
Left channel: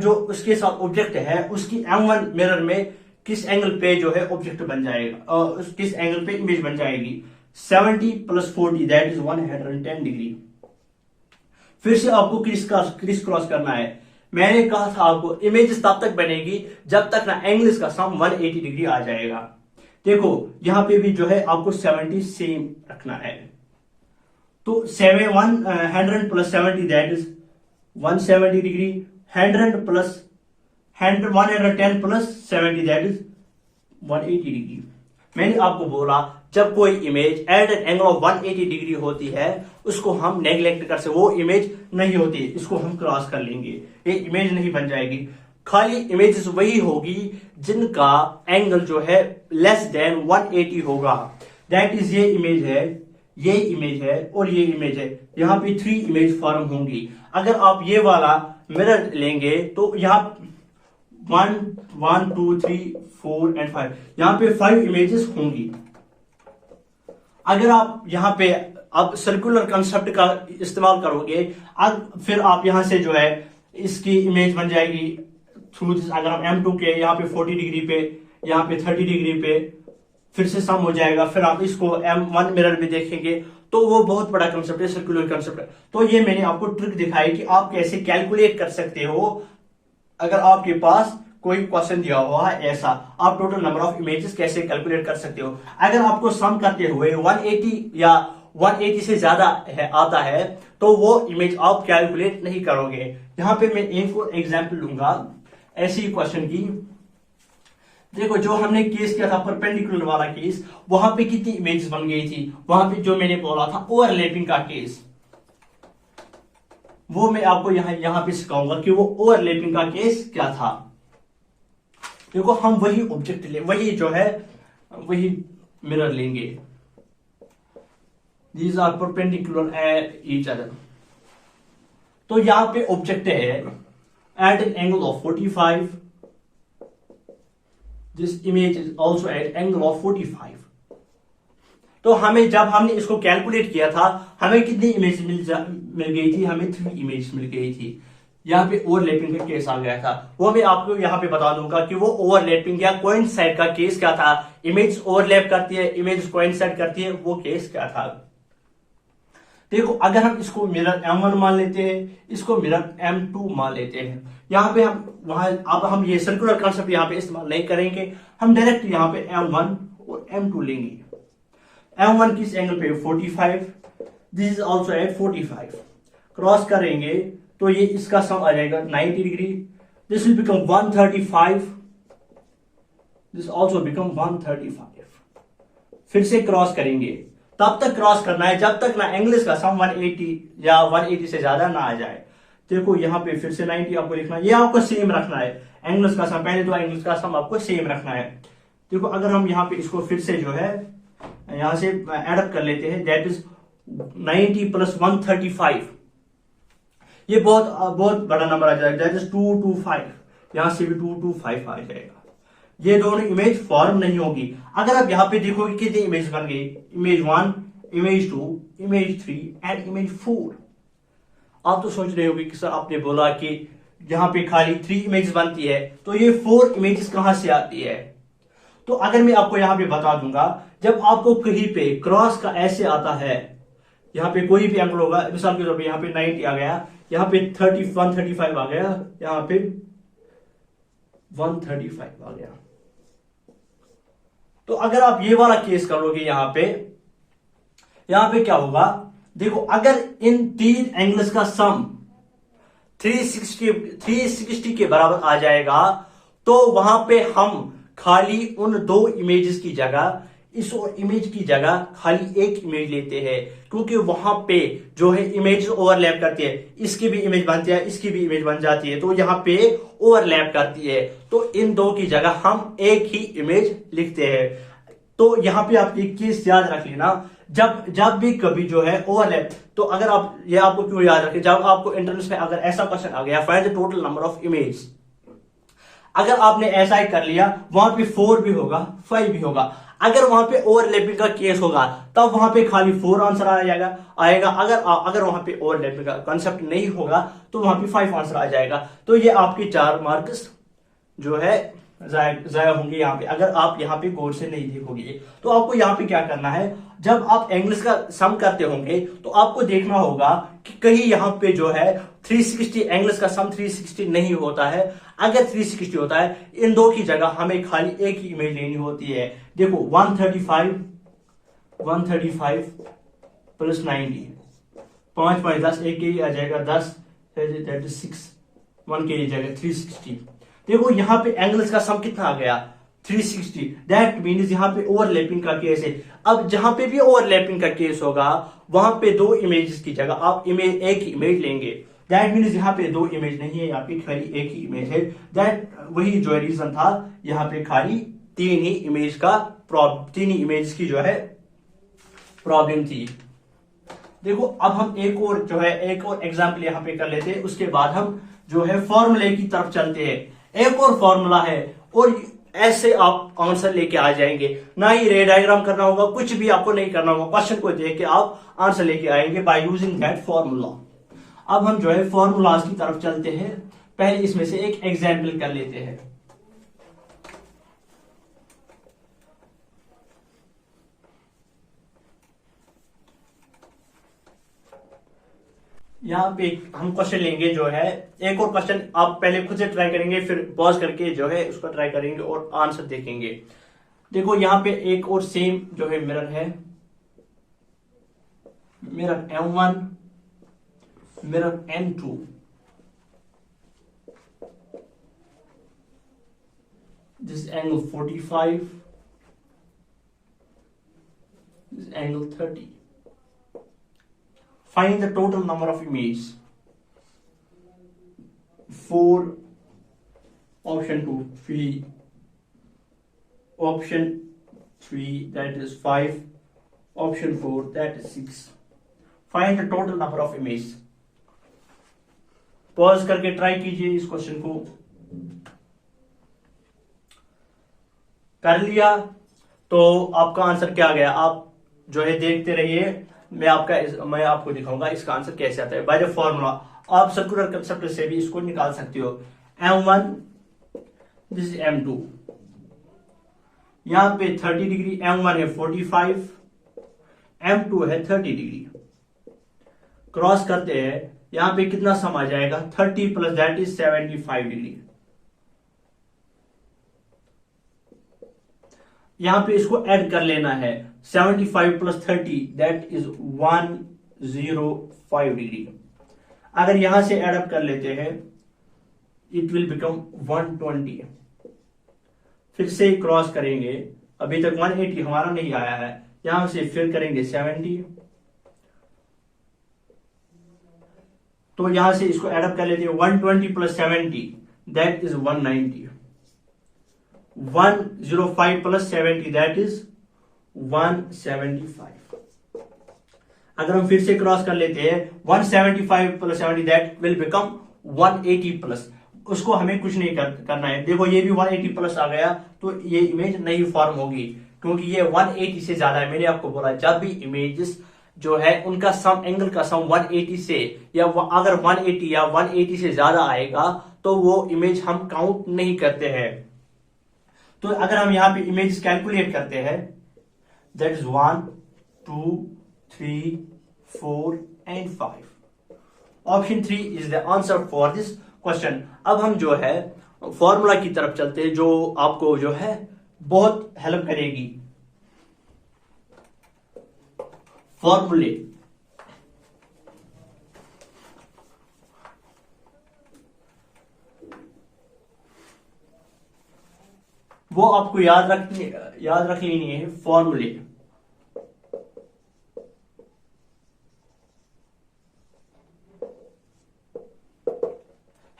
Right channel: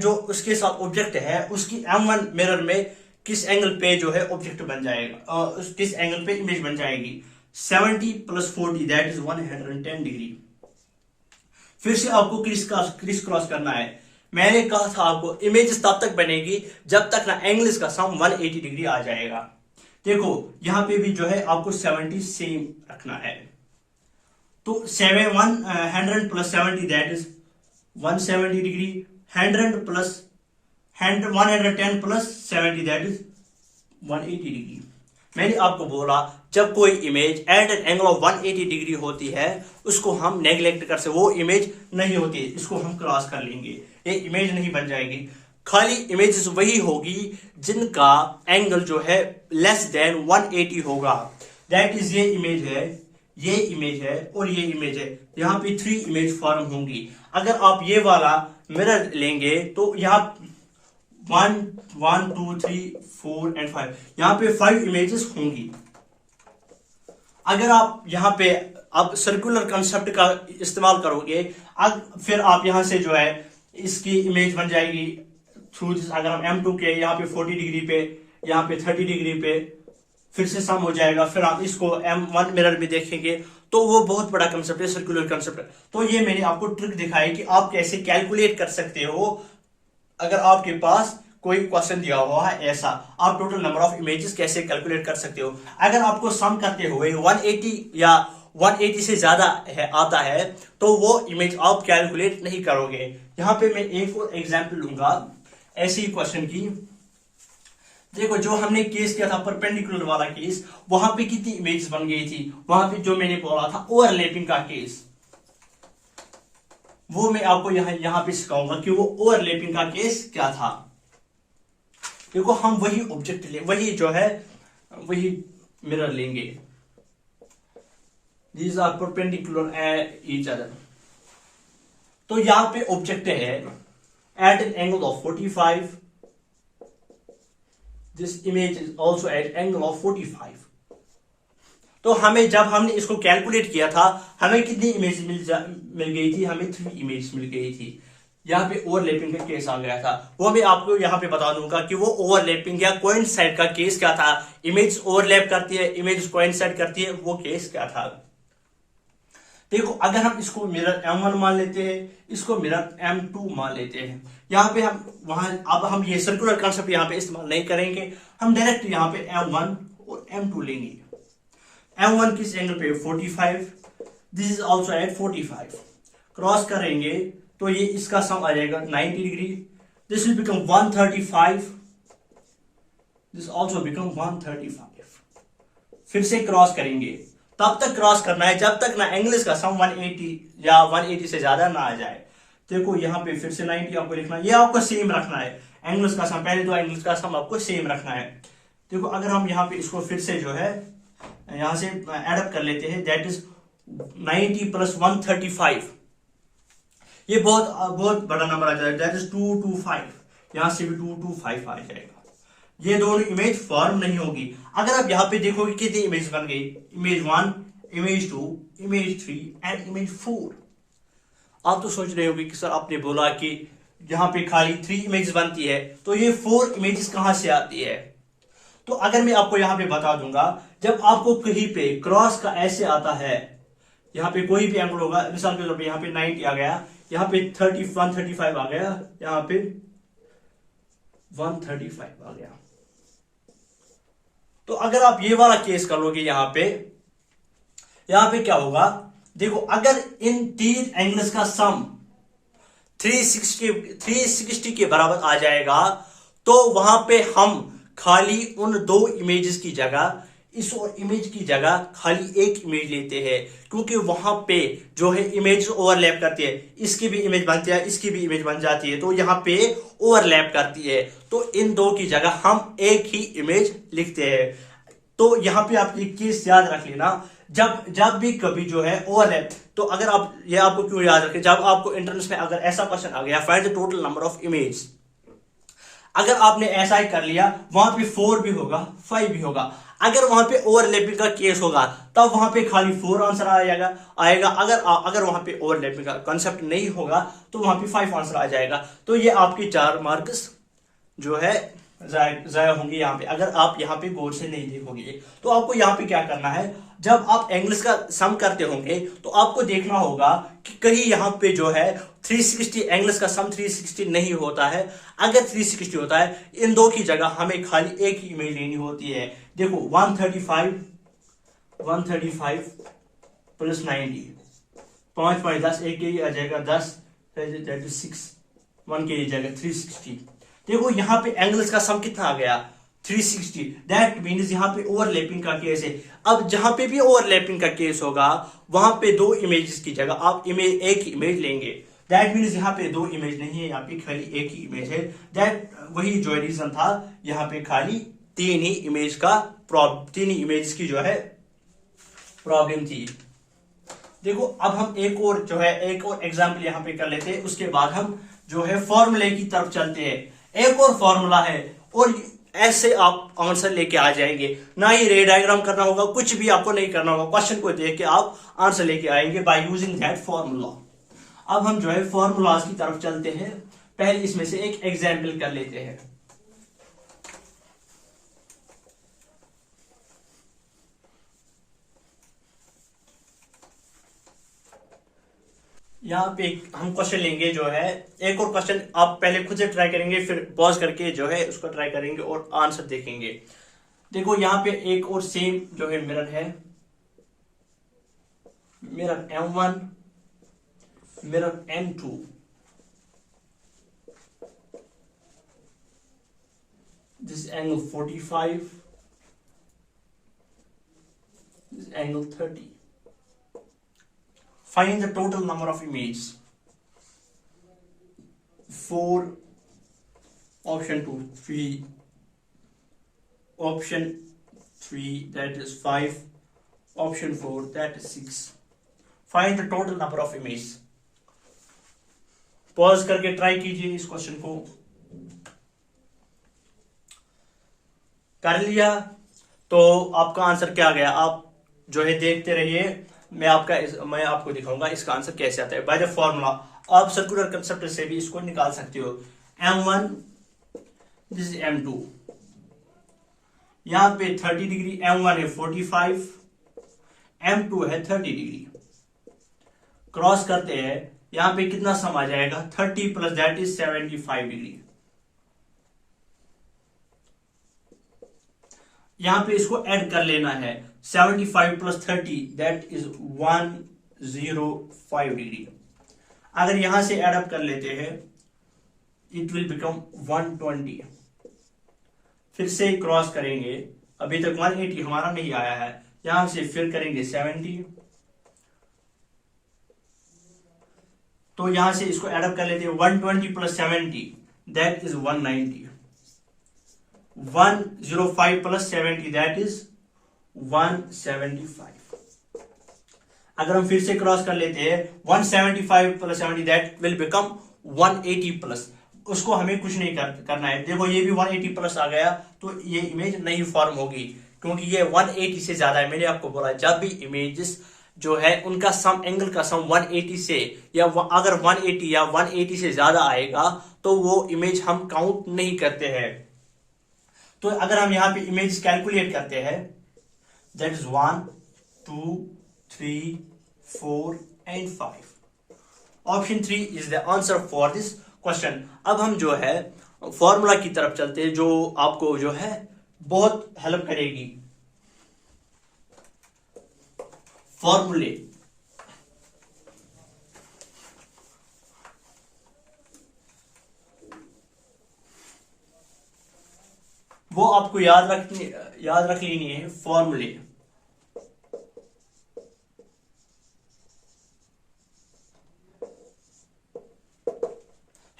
जो उसके साथ ऑब्जेक्ट है उसकी M1 मिरर में किस एंगल पे जो है ऑब्जेक्ट बन जाएगा, किस एंगल पे इमेज बन जाएगी, 70 प्लस 40 दैट इज 110 डिग्री। फिर से आपको क्रिस क्रॉस करना है। मैंने कहा था आपको इमेज तब तक बनेगी जब तक ना एंगल का सम 180 डिग्री आ जाएगा। देखो यहां पे भी जो है आपको 70 सेम रखना है। तो 100 plus 70 that is 170 degree, 100 plus 110 plus 70 that is 180 degree. मैंने आपको बोला जब कोई image at an angle of 180 degree होती है उसको हम नेग्लेक्ट कर सकते, वो इमेज नहीं होती, इसको हम क्रॉस कर लेंगे, ये इमेज नहीं बन जाएगी। खाली इमेजेस वही होगी जिनका एंगल जो है लेस देन 180 होगा, दैट इज ये इमेज है, ये इमेज है और ये इमेज है। यहाँ पे 3 इमेज फॉर्म होंगी। अगर आप ये वाला मिरर लेंगे तो यहाँ 1 2 3 4 एंड 5, यहाँ पे 5 इमेजेस होंगी। अगर आप यहाँ पे अब सर्कुलर कंसेप्ट का इस्तेमाल करोगे, अब फिर आप यहाँ से जो है इसकी इमेज बन जाएगी थ्रू दिस। अगर हम M2 के यहाँ पे 40 डिग्री पे, यहाँ पे 30 डिग्री पे फिर से सम हो जाएगा, फिर आप इसको M1 मिरर में देखेंगे तो वो बहुत बड़ा कंसेप्ट है, सर्कुलर कंसेप्ट है। तो ये मैंने आपको ट्रिक दिखाई कि आप कैसे कैलकुलेट कर सकते हो। अगर आपके पास कोई क्वेश्चन दिया हुआ है ऐसा, आप टोटल नंबर ऑफ इमेजेस कैसे कैलकुलेट कर सकते हो। अगर आपको सम करते हुए 180 या 180 से ज्यादा आता है तो वो इमेज आप कैलकुलेट नहीं करोगे। यहां पे मैं एक और एग्जांपल लूंगा ऐसी क्वेश्चन की। देखो जो हमने केस किया था परपेंडिकुलर वाला केस, वहां पे कितनी इमेजेस बन गई थी, वहां पे जो मैंने बोला था ओवरलैपिंग का केस, वो मैं आपको यहां पे सिखाऊंगा कि वो ओवरलैपिंग का केस क्या था। देखो हम वही ऑब्जेक्ट ले, वही जो है वही मिरर लेंगे, these are perpendicular each other. तो यहां पे ऑब्जेक्ट है at an angle of 45, this image is also at angle of 45। तो हमें जब हमने इसको कैलकुलेट किया था हमें कितनी इमेज मिल गई थी, हमें 3 इमेज मिल गई थी। यहाँ पे ओवरलैपिंग का केस आ गया था, वो मैं आपको यहाँ पे बता दूंगा कि वो ओवरलैपिंग या कोइंसाइड का केस क्या था। इमेज ओवरलैप करती है, इमेज कोइंसाइड करती है, वो केस क्या था। देखो अगर हम इसको मिरर M1 मान लेते हैं, इसको मिरर M2 मान लेते हैं, यहाँ पे अब हम ये सर्कुलर कॉन्सेप्ट यहाँ पे इस्तेमाल नहीं करेंगे, हम डायरेक्ट यहाँ पे M1 और M2 लेंगे। M1 किस एंगल पे 45, this is also eight 45, cross करेंगे तो ये इसका सम आ जाएगा 90 degree, this will become 135, this also become 135। फिर से क्रॉस करेंगे, तब तक क्रॉस करना है जब तक ना एंगल्स का सम 180 या 180 से ज्यादा ना आ जाए। देखो यहाँ पे फिर से 90 आपको लिखना है, ये आपको सेम रखना है, एंगल्स का सम, पहले 2 एंगल्स का सम आपको सेम रखना है। देखो अगर हम यहाँ पे इसको फिर से जो है यहां से एडअप कर लेते हैं, दैट इज 90 प्लस 135, ये बहुत बड़ा नंबर आ जाएगा, दैट इज 225, यहां से भी 225 आ जाएगा। ये दोनों इमेज फॉर्म नहीं होगी। अगर आप यहां पे देखोगे कितनी इमेज बन गई, image 1, image 2, image 3 and image 4। आप तो सोच रहे होंगे कि सर आपने बोला कि यहां पे खाली 3 इमेज बनती है, तो ये 4 इमेजेस कहां से आती है। तो अगर मैं आपको यहां पे बता दूंगा, जब आपको कहीं पे क्रॉस का ऐसे आता है, यहाँ पे कोई भी एंगल होगा, मिसाल के तौर पे यहाँ पे 90 आ गया, यहाँ पे 135 आ गया, यहाँ पे 135 आ गया। तो अगर आप ये वाला केस कर लोगे यहाँ पे क्या होगा, देखो अगर इन तीन एंगल्स का सम 360 के बराबर आ जाएगा, तो वहां पे हम खाली उन दो इमेजेस की जगह, इस इमेज की जगह खाली एक इमेज लेते हैं, क्योंकि वहां पे जो है इमेज ओवरलैप करती है, इसकी भी इमेज बनती है, इसकी भी इमेज बन जाती है, तो यहाँ पे ओवरलैप करती है, तो इन दो की जगह हम एक ही इमेज लिखते हैं। तो यहाँ पे आप एक चीज याद रख लेना, जब भी कभी जो है ओवरलैप, तो अगर आप ये आपको क्यों याद रखें, जब आपको इंट्रेंस में अगर ऐसा क्वेश्चन आ गया, find the total number of image, अगर आपने ऐसा ही कर लिया, वहां पे 4 भी होगा 5 भी होगा, अगर वहां पे ओवरलैपिंग का केस होगा तब वहां पे खाली 4 आंसर आएगा। अगर वहां पे ओवरलैपिंग का कंसेप्ट नहीं होगा तो वहां पे 5 आंसर आ जाएगा। तो ये आपके 4 मार्क्स जो है जाया होंगे यहाँ पे, अगर आप यहाँ पे गौर से नहीं देखोगे। तो आपको यहाँ पे क्या करना है, जब आप एंगल्स का सम करते होंगे तो आपको देखना होगा कि कहीं यहाँ पे जो है 360 एंगल्स का सम 360 नहीं होता है। अगर 360 होता है, इन दो की जगह हमें खाली एक ही इमेज लेनी होती है। देखो 135 प्लस 90, 5 5 10, एक के आ जाएगा 10, 6 1 के जाएगा 360। देखो यहाँ पे एंगल्स का सम कितना आ गया 360, दैट मीन्स यहाँ पे ओवरलैपिंग का केस है। अब जहां पे भी ओवरलैपिंग का केस होगा वहां पे दो इमेजेस की जगह आप एक ही इमेज लेंगे, दैट मीन्स यहाँ पे दो इमेज नहीं है, यहाँ पे खाली एक ही इमेज है। दैट वही जो रीजन था, यहाँ पे खाली तीन ही इमेज की जो है प्रॉब्लम थी। देखो अब हम एक और एग्जाम्पल यहाँ पे कर लेते हैं, उसके बाद हम जो है फॉर्मूले की तरफ चलते हैं। एक और फॉर्मूला है और ऐसे आप आंसर लेके आ जाएंगे, ना ही रे डायग्राम करना होगा, कुछ भी आपको नहीं करना होगा, क्वेश्चन को देख के आप आंसर लेके आएंगे बाय यूजिंग दैट फॉर्मूला। अब हम जो है फॉर्मूलाज की तरफ चलते हैं। पहले इसमें से एक एग्जाम्पल कर लेते हैं। यहाँ पे हम क्वेश्चन लेंगे, जो है एक और क्वेश्चन आप पहले खुद से ट्राई करेंगे, फिर पॉज करके जो है उसको ट्राई करेंगे और आंसर देखेंगे। देखो यहाँ पे एक और सेम जो है मिरर है, mirror M1, mirror M2, this angle 45, this angle 30. Find the total number of images. 4, option 2 3, option 3 that is 5, option 4 that is 6. Find the total number of images. Pause करके ट्राई कीजिए इस क्वेश्चन को। कर लिया तो आपका आंसर क्या गया, आप जो है देखते रहिए, मैं आपको दिखाऊंगा इसका आंसर कैसे आता है। बाय द फॉर्मूला आप सर्कुलर कंसेप्ट से भी इसको निकाल सकते हो। M1 दिस इज M2, यहां पे 30 डिग्री, M1 है 45, M2 है 30 डिग्री, क्रॉस करते हैं, यहां पे कितना सम आ जाएगा 30 प्लस दैट इज 75 डिग्री। यहां पे इसको ऐड कर लेना है, 75 प्लस 30 दैट इज 105 डिग्री। अगर यहां से ऐड अप कर लेते हैं इट विल बिकम 120। फिर से क्रॉस करेंगे, अभी तक 180 हमारा नहीं आया है, यहां से फिर करेंगे 70, तो यहां से इसको ऐड अप कर लेते हैं, 120 plus 70 that is 190, 105 plus 70 that is 175। अगर हम फिर से क्रॉस कर लेते हैं 175 plus 70 that will become 180 plus, उसको हमें कुछ नहीं करना है। देखो ये भी 180 प्लस आ गया तो ये इमेज नहीं फॉर्म होगी, क्योंकि ये 180 से ज्यादा है। मैंने आपको बोला जब भी इमेजेस जो है उनका सम, एंगल का सम 180 से या अगर 180 या 180 से ज्यादा आएगा तो वो इमेज हम काउंट नहीं करते हैं। तो अगर हम यहां पे इमेज कैलकुलेट करते हैं that is 1 2 3 4 and 5. Option 3 is the answer for this question. अब हम जो है फॉर्मूला की तरफ चलते हैं जो आपको जो है बहुत हेल्प करेगी. फॉर्मूले वो आपको याद रख लेनी है. फॉर्मूले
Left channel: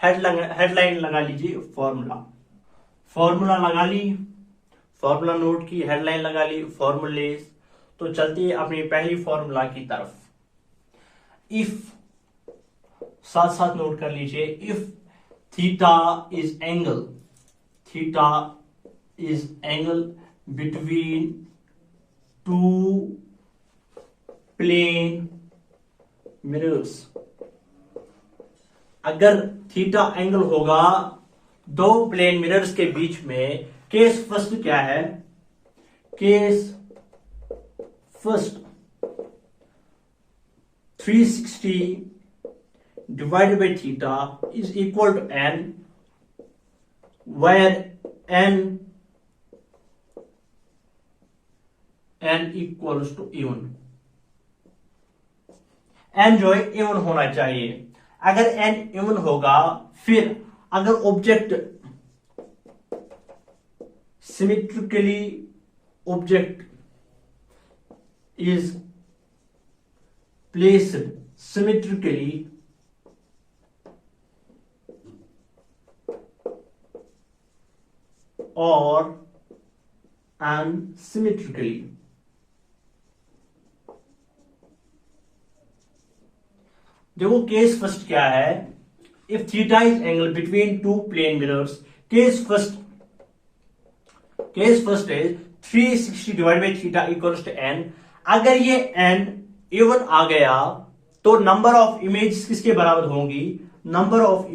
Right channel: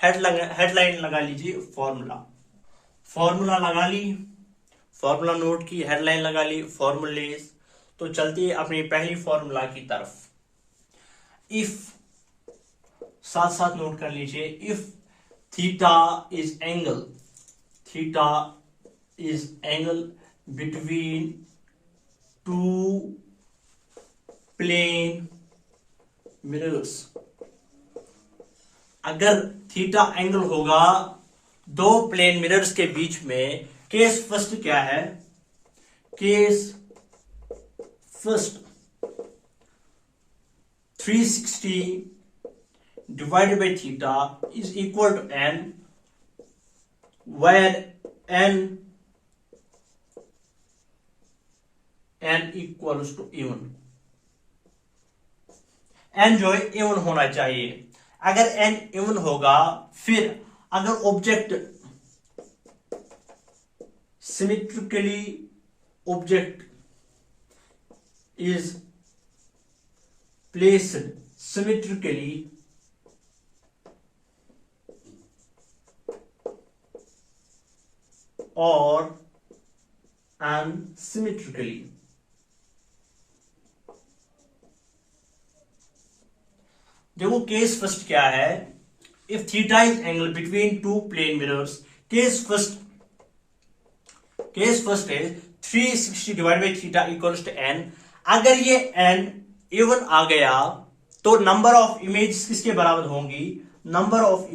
हेडलाइन लगा लीजिए. फॉर्मूला लगा ली, फॉर्मूला नोट की, हेडलाइन लगा ली, फॉर्मूले. तो चलते हैं अपनी पहली फॉर्मूला की तरफ. इफ साथ साथ नोट कर लीजिए. If theta is angle between two plane mirrors. अगर थीटा एंगल होगा दो प्लेन मिरर्स के बीच में, केस फर्स्ट क्या है? Case first 360 divided by theta is equal to n, where n equals to even. n जो है even होना चाहिए. अगर n even होगा, फिर अगर object is placed symmetrically or unsymmetrically. देखो केस फर्स्ट क्या है? If theta is angle between two plane mirrors, case first is 360 divide by theta equals to n. अगर ये n इवन आ गया तो नंबर ऑफ इमेज किसके बराबर होंगी? Number of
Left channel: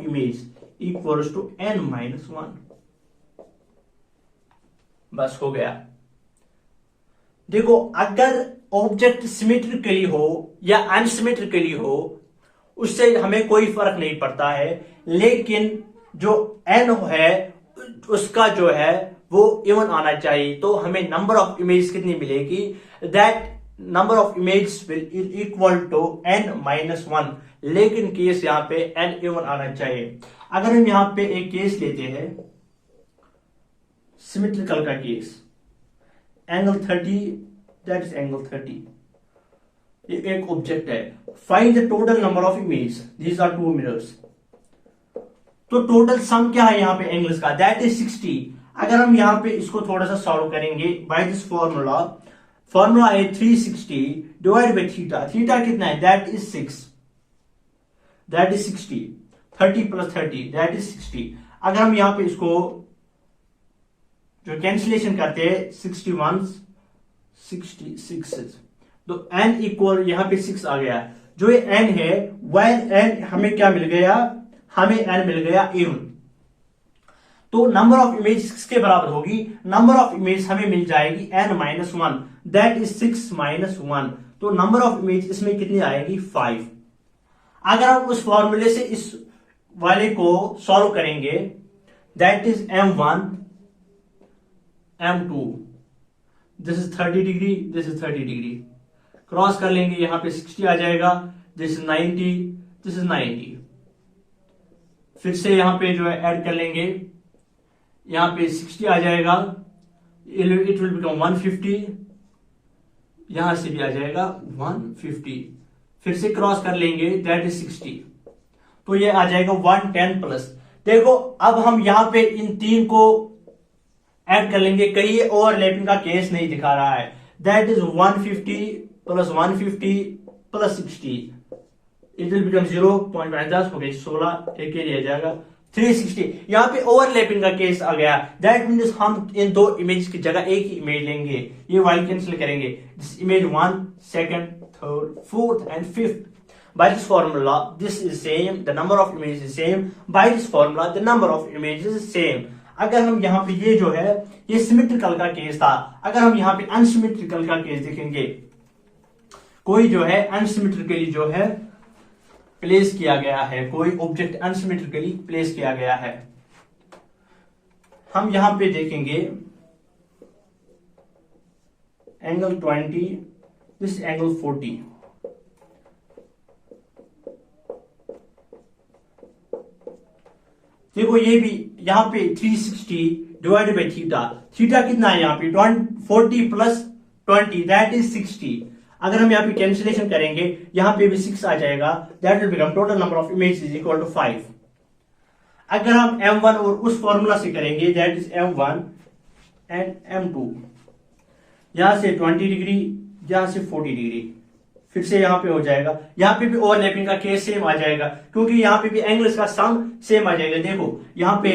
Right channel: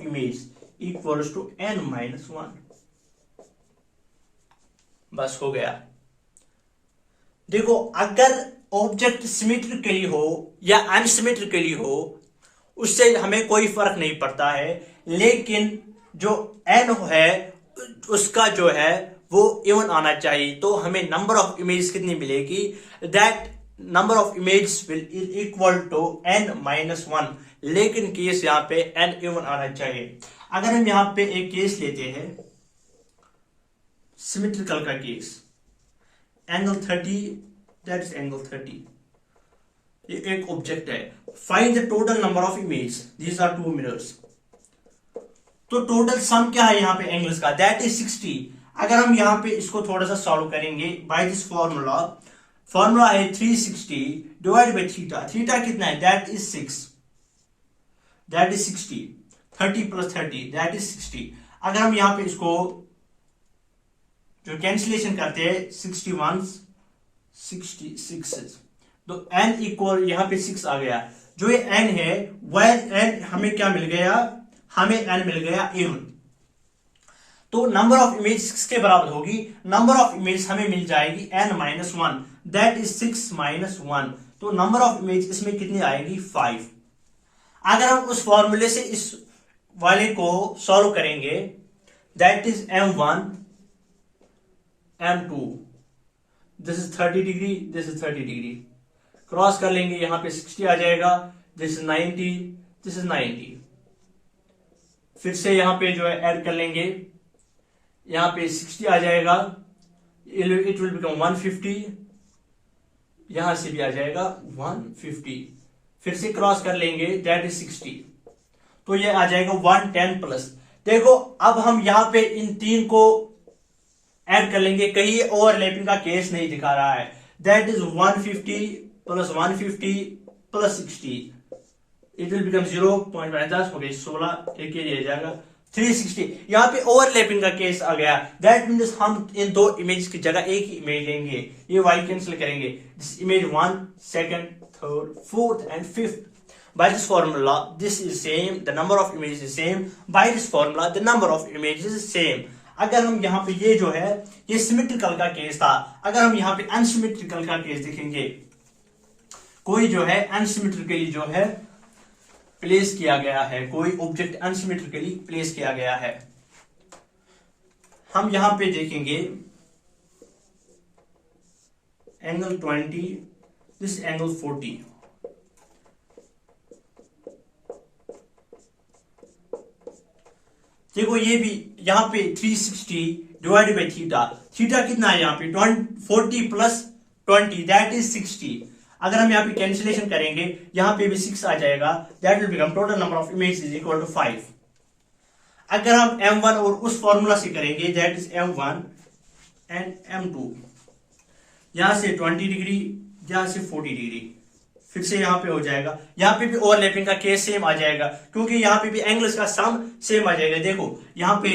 image equals to n-1. बस हो गया. देखो अगर ऑब्जेक्ट सिमेट्रिकली हो या अनसिमेट्रिकली हो, उससे हमें कोई फर्क नहीं पड़ता है, लेकिन जो n है उसका जो है वो इवन आना चाहिए. तो हमें नंबर ऑफ इमेज कितनी मिलेगी? That number of image will equal to n-1. लेकिन केस यहां पे n इवन आना चाहिए. अगर हम यहां पे एक केस लेते हैं सिमेट्रिकल का case, angle 30, that is angle 30. ये एक ऑब्जेक्ट है. Find the total number of image. These are two mirrors. तो टोटल सम क्या है यहां पे एंगल्स का? That is 60. अगर हम यहां पे इसको थोड़ा सा सॉल्व करेंगे बाय दिस फॉर्मूला है 360 डिवाइड बाय थीटा. थीटा कितना है? That is 6. That is 60. 30 plus 30 that is 60. अगर हम यहां पे इसको जो कैंसिलेशन करते हैं 66 तो n इक्वल यहां पे 6 आ गया. जो ये n है वह n हमें क्या मिल गया? हमें n मिल गया इवन. तो नंबर ऑफ इमेज किसके बराबर होगी? नंबर ऑफ इमेज हमें मिल जाएगी n-1. That is 6-1. तो नंबर ऑफ इमेज इसमें कितनी आएगी? 5. अगर हम उस फॉर्मूले से इस वाले को सॉल्व करेंगे, that is m1 m2. This is 30 degree, this is 30 degree. Cross कर लेंगे, यहां पे 60 आ जाएगा. This is 90, this is 90. फिर से यहां पे जो है ऐड कर लेंगे, यहां पे 60 आ जाएगा. It will become 150. यहां से भी आ जाएगा 150. फिर से क्रॉस कर लेंगे, दैट इज 60. तो ये आ जाएगा 110 प्लस. देखो अब हम यहां पे इन तीन को ऐड कर लेंगे. कहीं ओवरलैपिंग का केस नहीं दिखा रहा है. That is 150 plus 150 plus 60. It will become 0.10 हो गई 16. एक रह जाएगा 360. यहां पे ओवरलैपिंग का केस आ गया. दैट मीन्स हम इन दो इमेज की जगह एक ही इमेज लेंगे. ये वाई कैंसिल करेंगे. This image 1, 2nd, 3rd, 4th and 5th. By this formula, this is same. The number of images is same. By this formula, the number of images is same. अगर हम यहाँ पे ये जो है ये सिमेट्रिकल का केस था. अगर हम यहाँ पे अनसिमेट्रिकल का केस देखेंगे, कोई जो है अनसिमेट्रिकली जो है प्लेस किया गया है, कोई ऑब्जेक्ट अनसिमेट्रिकली प्लेस किया गया है। हम यहां पे देखेंगे एंगल 20, दिस एंगल 40। देखो ये भी यहां पे 360 डिवाइडेड बाई थीटा, थीटा कितना है यहाँ पे 40 प्लस 20 दैट इज 60। अगर हम यहाँ पे कैंसिलेशन करेंगे यहां पे भी 6 आ जाएगा, that will become total number of image is equal to 5। अगर हम M1 और उस फॉर्मूला से करेंगे that is M1 and M2, यहां से 20 डिग्री, यहां से 40 डिग्री, फिर से यहां पे हो जाएगा, यहां पे भी ओवरलैपिंग का केस सेम आ जाएगा क्योंकि यहां पे भी एंगल्स का सम सेम आ जाएगा। देखो यहां पे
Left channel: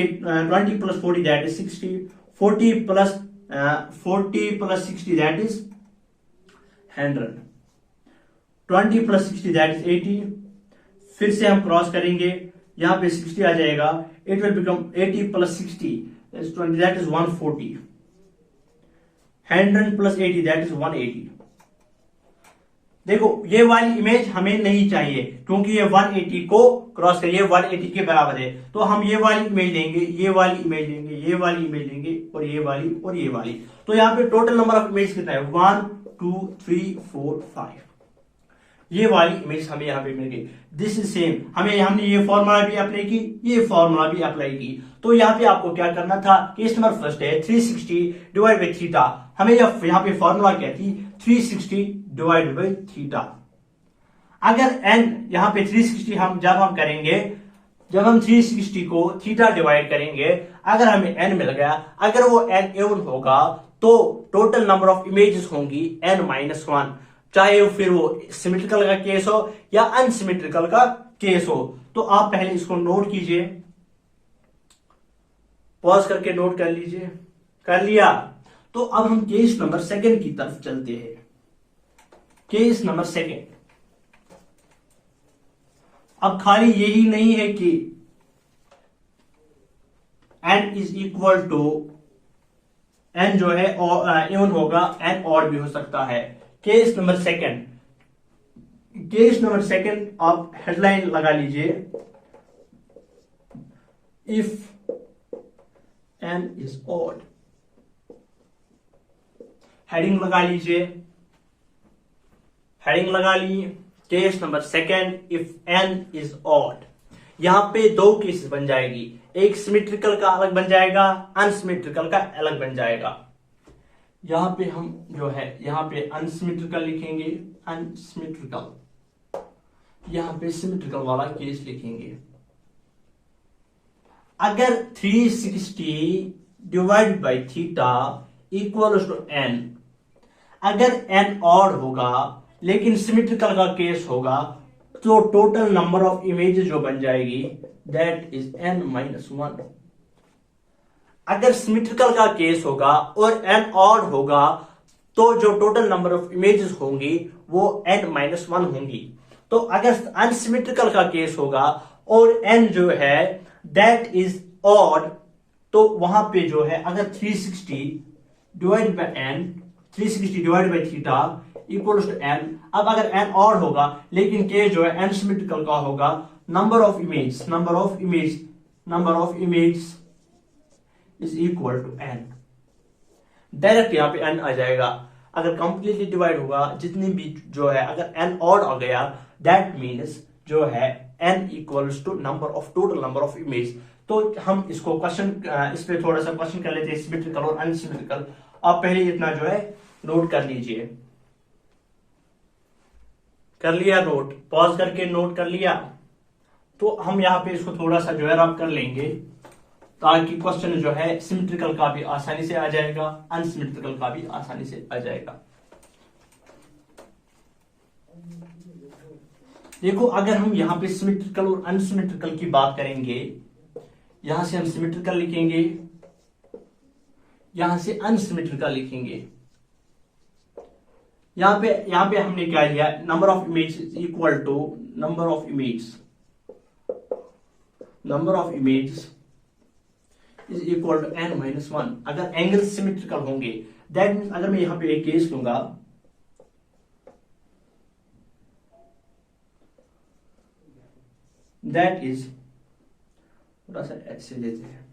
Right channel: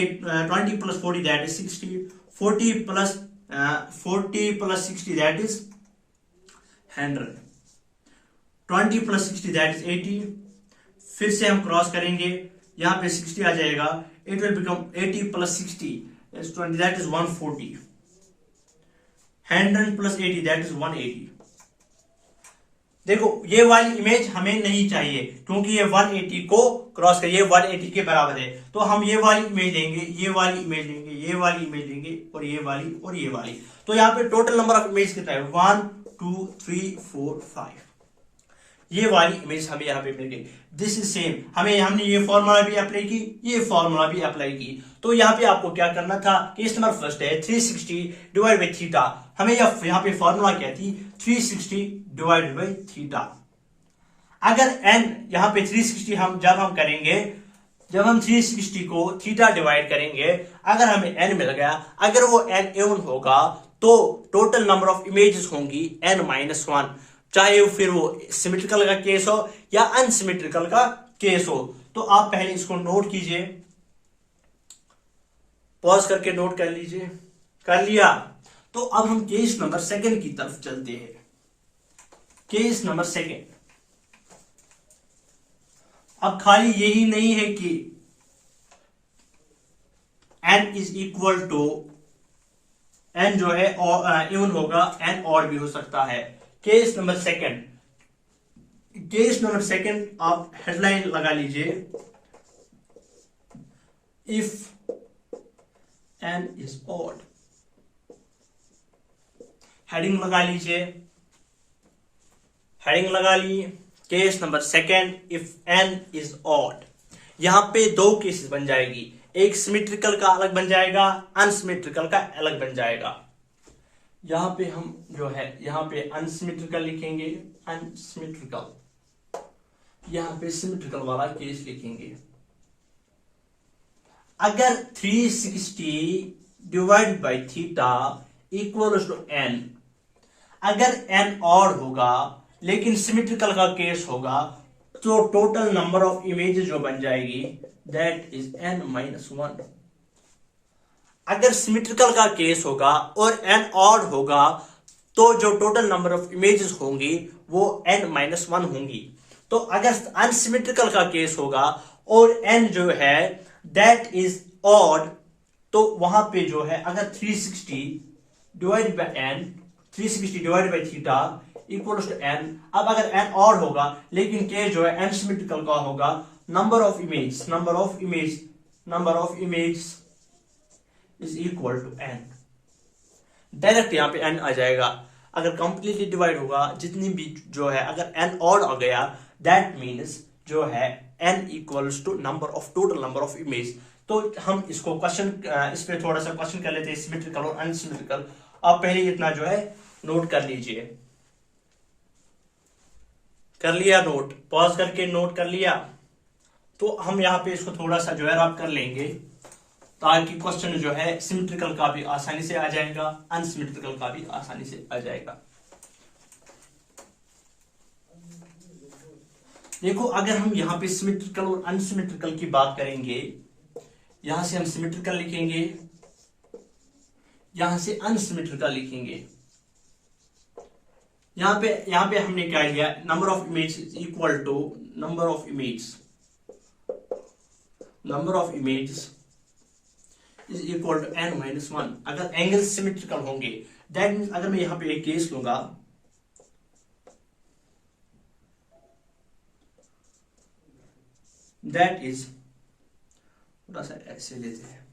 20 plus 40 that is 60, 40 plus 60 that is 100, 20 plus 60 that is 80, फिर से हम क्रॉस करेंगे यहां पे 60 आ जाएगा, it will become 80 plus 60 is 20 that is 140, 100 plus 80 that is 180। देखो ये वाली इमेज हमें नहीं चाहिए क्योंकि ये 180 को क्रॉस कर, ये 180 के बराबर है, तो हम ये वाली इमेज लेंगे, ये वाली इमेज लेंगे, ये वाली इमेज लेंगे और ये वाली और ये वाली। तो यहाँ पे टोटल नंबर ऑफ इमेज कितना है 1 2 3 4 5, ये वाली इमेज हमें यहाँ पे मिल गई। दिस इज सेम, हमने ये फॉर्मूला भी अप्लाई की, ये फॉर्मूला भी अप्लाई की। तो यहाँ पे आपको क्या करना था, केस नंबर फर्स्ट है 360 डिवाइड बाई थीटा, हमें यहाँ पे फॉर्मूला क्या थी 360 डिवाइड बाई थीटा। अगर n यहाँ पे 360 जब हम 360 को थीटा डिवाइड करेंगे, अगर हमें n मिल गया, अगर वो n इवन होगा तो टोटल नंबर ऑफ इमेजेस होंगी n-1, चाहे फिर वो सिमेट्रिकल का केस हो या अनसिमेट्रिकल का केस हो। तो आप पहले इसको नोट कीजिए, पॉज करके नोट कर लीजिए, कर लिया। तो अब हम केस नंबर सेकंड की तरफ चलते हैं। केस नंबर सेकंड, अब खाली यही नहीं है कि n is equal to n जो है इवन होगा, n और भी हो सकता है। केस नंबर सेकंड आप हेडलाइन लगा लीजिए, if n is odd, heading लगा लीजिए, हेडिंग लगा ली। Case number second, if n is odd, यहां पे दो केसेस बन जाएगी, एक सिमेट्रिकल का अलग बन जाएगा, अनसिमेट्रिकल का अलग बन जाएगा। यहां पे हम जो है यहां पे अनसिमेट्रिकल लिखेंगे, अनसिमेट्रिकल, यहां पे सिमेट्रिकल वाला केस लिखेंगे। अगर 360 divide by theta equal to n, अगर n ऑड होगा लेकिन सिमेट्रिकल का केस होगा तो टोटल नंबर ऑफ इमेजेस जो बन जाएगी दैट इज n-1। अगर सिमेट्रिकल का केस होगा और n ऑड होगा तो जो टोटल नंबर ऑफ इमेजेस होंगी वो n-1 होंगी। तो अगर अनसिमेट्रिकल का केस होगा और n जो है दैट इज ऑड, तो वहां पे जो है अगर 360 divide by theta equal to n, अब अगर n ऑड होगा लेकिन k जो है अनसिमेट्रिकल का होगा, number of image is equal to n, direct यहां पे n आ जाएगा। अगर कंप्लीटली डिवाइड होगा जितनी भी जो है, अगर n ऑड आ गया दैट मीन्स जो है n equals to total number of image. तो हम इसको इस पे थोड़ा सा क्वेश्चन कर लेते हैं, सिमेट्रिकल और अनसिमेट्रिकल। आप पहले इतना जो है नोट कर लीजिए, कर लिया नोट, पॉज करके नोट कर लिया। तो हम यहाँ पे इसको थोड़ा सा जो है रब कर लेंगे ताकि क्वेश्चन जो है सिमेट्रिकल का भी आसानी से आ जाएगा, अनसिमेट्रिकल का भी आसानी से आ जाएगा। देखो अगर हम यहाँ पे सिमेट्रिकल और अनसिमेट्रिकल की बात करेंगे, यहां से हम सिमेट्रिकल लिखेंगे, यहां से अनसिमेट्रिकल लिखेंगे। यहां पे हमने क्या लिया, number of image is equal to number of image is equal to n-1। अगर एंगल सिमेट्रिकल होंगे दैट मीन्स, अगर मैं यहां पे एक केस लूंगा, दैट इज, थोड़ा सा ऐसे लेते हैं,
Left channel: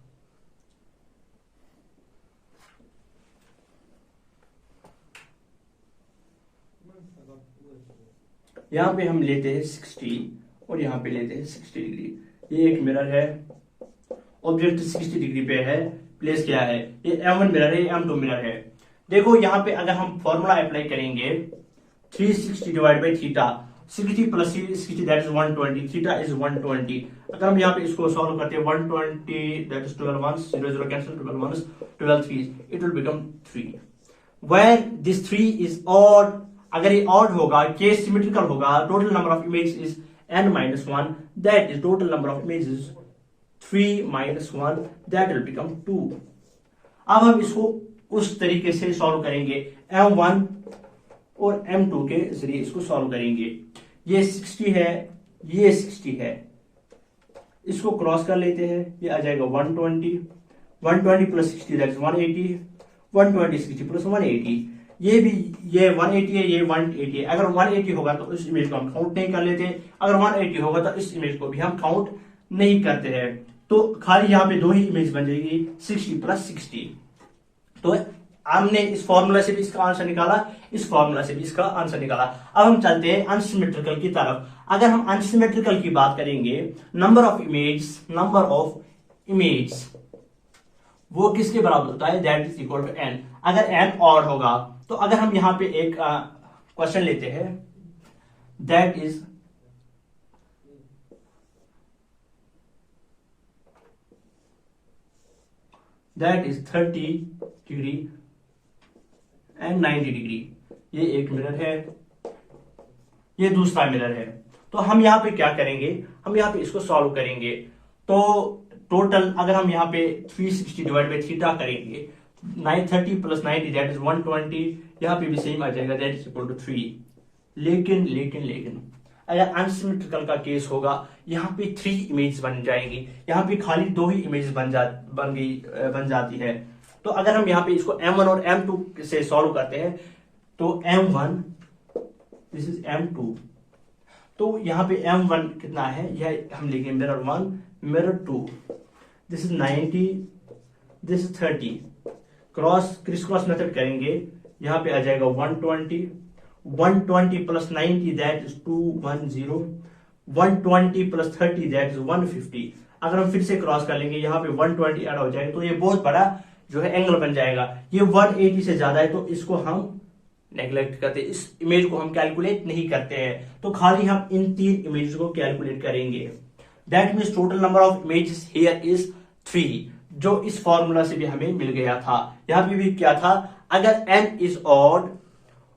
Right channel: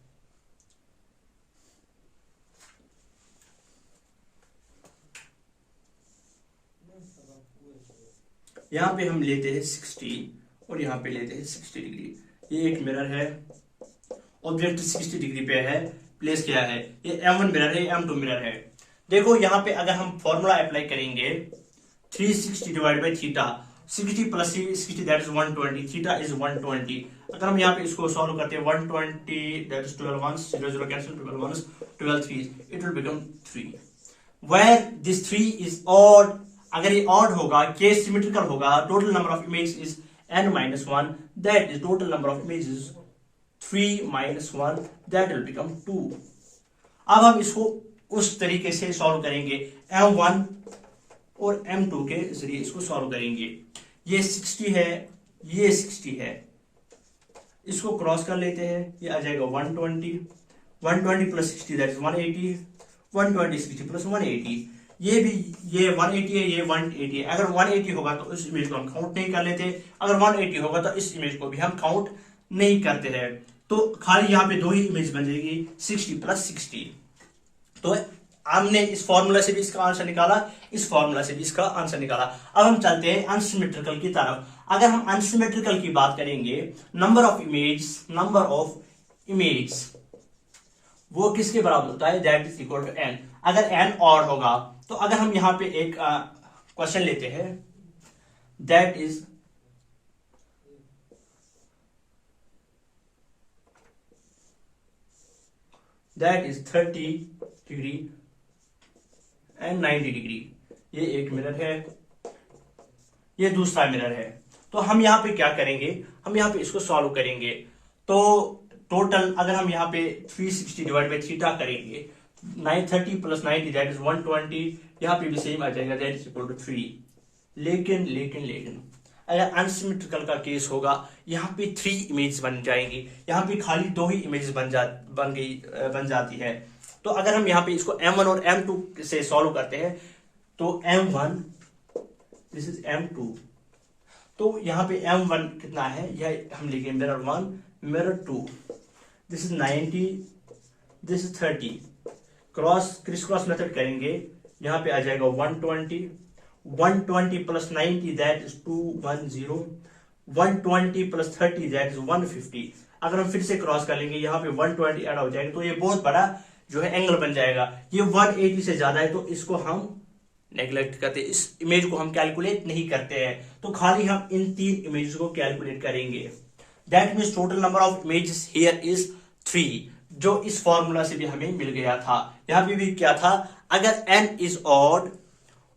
यहां पे हम लेते हैं 60 और यहां पे लेते हैं 60 डिग्री। ये एक मिरर है, ऑब्जेक्ट 60 डिग्री पे है, प्लेस किया है। ये M1 मिरर है, M2 मिरर है। देखो यहाँ पे अगर हम फॉर्मूला अप्लाई करेंगे 360 divide by theta, 60 plus 60 that is 120, theta is 120। अगर हम यहाँ पे इसको सॉल्व करते हैं 120 that is 12 1 0 0 cancel, 12 1 12 3, it will become 3 where this 3 is odd. अगर ये ऑड होगा, केस सिमेट्रिकल होगा, total number of image is n-1, that is total number of images 3 minus 1, that will become 2। अब हम इसको उस तरीके से सॉल्व करेंगे, M1 और M2 के जरिए इसको सॉल्व करेंगे। ये 60 है, ये 60 है, इसको क्रॉस कर लेते हैं, ये आ जाएगा 120, 120 प्लस 60 दैट इज 180, 120 60 प्लस 180, ये भी ये 180 है, ये 180 है। अगर 180 होगा तो उस इमेज को हम काउंट नहीं कर लेते, अगर 180 होगा तो इस इमेज को भी हम काउंट नहीं करते हैं। तो खाली यहाँ पे दो ही इमेज बन जाएगी, 60 प्लस 60। तो हमने इस फॉर्मूला से भी इसका आंसर निकाला, इस फॉर्मूला से भी इसका आंसर निकाला। अब हम चलते हैं अनसिमेट्रिकल की तरफ। अगर हम अनसिमेट्रिकल की बात करेंगे, नंबर ऑफ इमेज वो किसके बराबर होता है, that is equal to n। अगर n ऑड होगा तो अगर हम यहां पे एक क्वेश्चन लेते हैं, that is that is 30 degree and 90 degree. ये एक मिरर है, ये दूसरा मिरर है। तो हम यहाँ पे क्या करेंगे, हम यहाँ पे इसको सॉल्व करेंगे। तो टोटल अगर हम यहाँ पे 360 डिवाइड बाई थीटा करेंगे, 930 प्लस 90 दैट इज 120, यहाँ पे भी सेम आ जाएगा, दैट इज इक्वल टू 3। लेकिन अगर अनसिमेट्रिकल का केस होगा, यहाँ पे 3 इमेज बन जाएंगी, यहाँ पे खाली 2 ही इमेज बन जाती है। तो अगर हम यहाँ पे इसको M1 और M2 से सॉल्व करते हैं, तो M1 दिस इज M2, तो यहाँ पे M1 कितना है, यह हम लिखेंगे mirror 1 mirror 2, this is 90 this is 30, criss cross method करेंगे, यहाँ पे आ जाएगा 120 plus 90 that is 210, 120 plus 30 that is 150। अगर हम फिर से क्रॉस कर लेंगे, यहाँ पे 120 ऐड हो जाएगा, तो ये बहुत बड़ा जो है एंगल बन जाएगा। ये 180 से ज्यादा है, तो इसको हम नेग्लेक्ट करते हैं, इस इमेज को हम कैलकुलेट नहीं करते हैं। तो खाली हम इन 3 इमेज को कैलकुलेट करेंगे। That means total number of images here is 3, जो इस फॉर्मूला से भी हमें मिल गया था। यहाँ पे भी क्या था, अगर n इज ऑड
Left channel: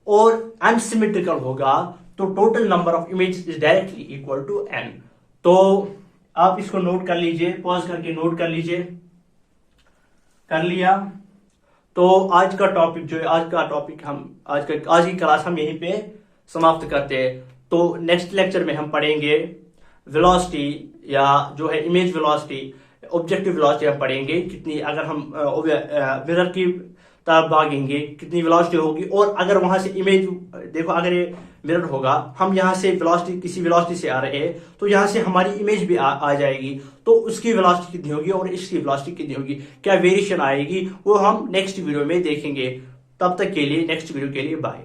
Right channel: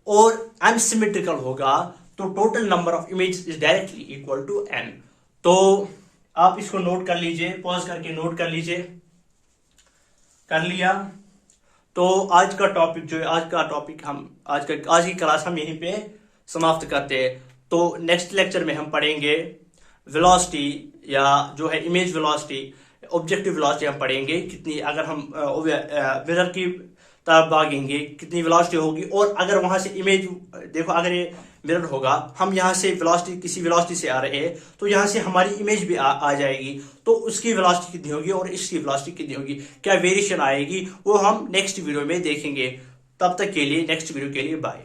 और अनसिमेट्रिकल होगा तो total number of image is directly equal to n। तो आप इसको नोट कर लीजिए, पॉज करके नोट कर लीजिए। कर लिया? तो आज का टॉपिक जो है, आज की क्लास हम यहीं पे समाप्त करते हैं। तो नेक्स्ट लेक्चर में हम पढ़ेंगे वेलोसिटी, या जो है इमेज वेलोसिटी, ऑब्जेक्टिव वेलोसिटी हम पढ़ेंगे कितनी, अगर हम मिरर की तरफ भागेंगे कितनी वेलोसिटी होगी, और अगर वहां से इमेज देखो, अगर ये मिरर होगा, हम यहाँ से वेलोसिटी किसी वेलोसिटी से आ रहे हैं, तो यहाँ से हमारी इमेज भी आ जाएगी, तो उसकी वेलोसिटी कितनी होगी और इसकी वेलोसिटी कितनी होगी, क्या वेरिएशन आएगी, वो हम नेक्स्ट वीडियो में देखेंगे। तब तक के लिए, नेक्स्ट वीडियो के लिए बाय।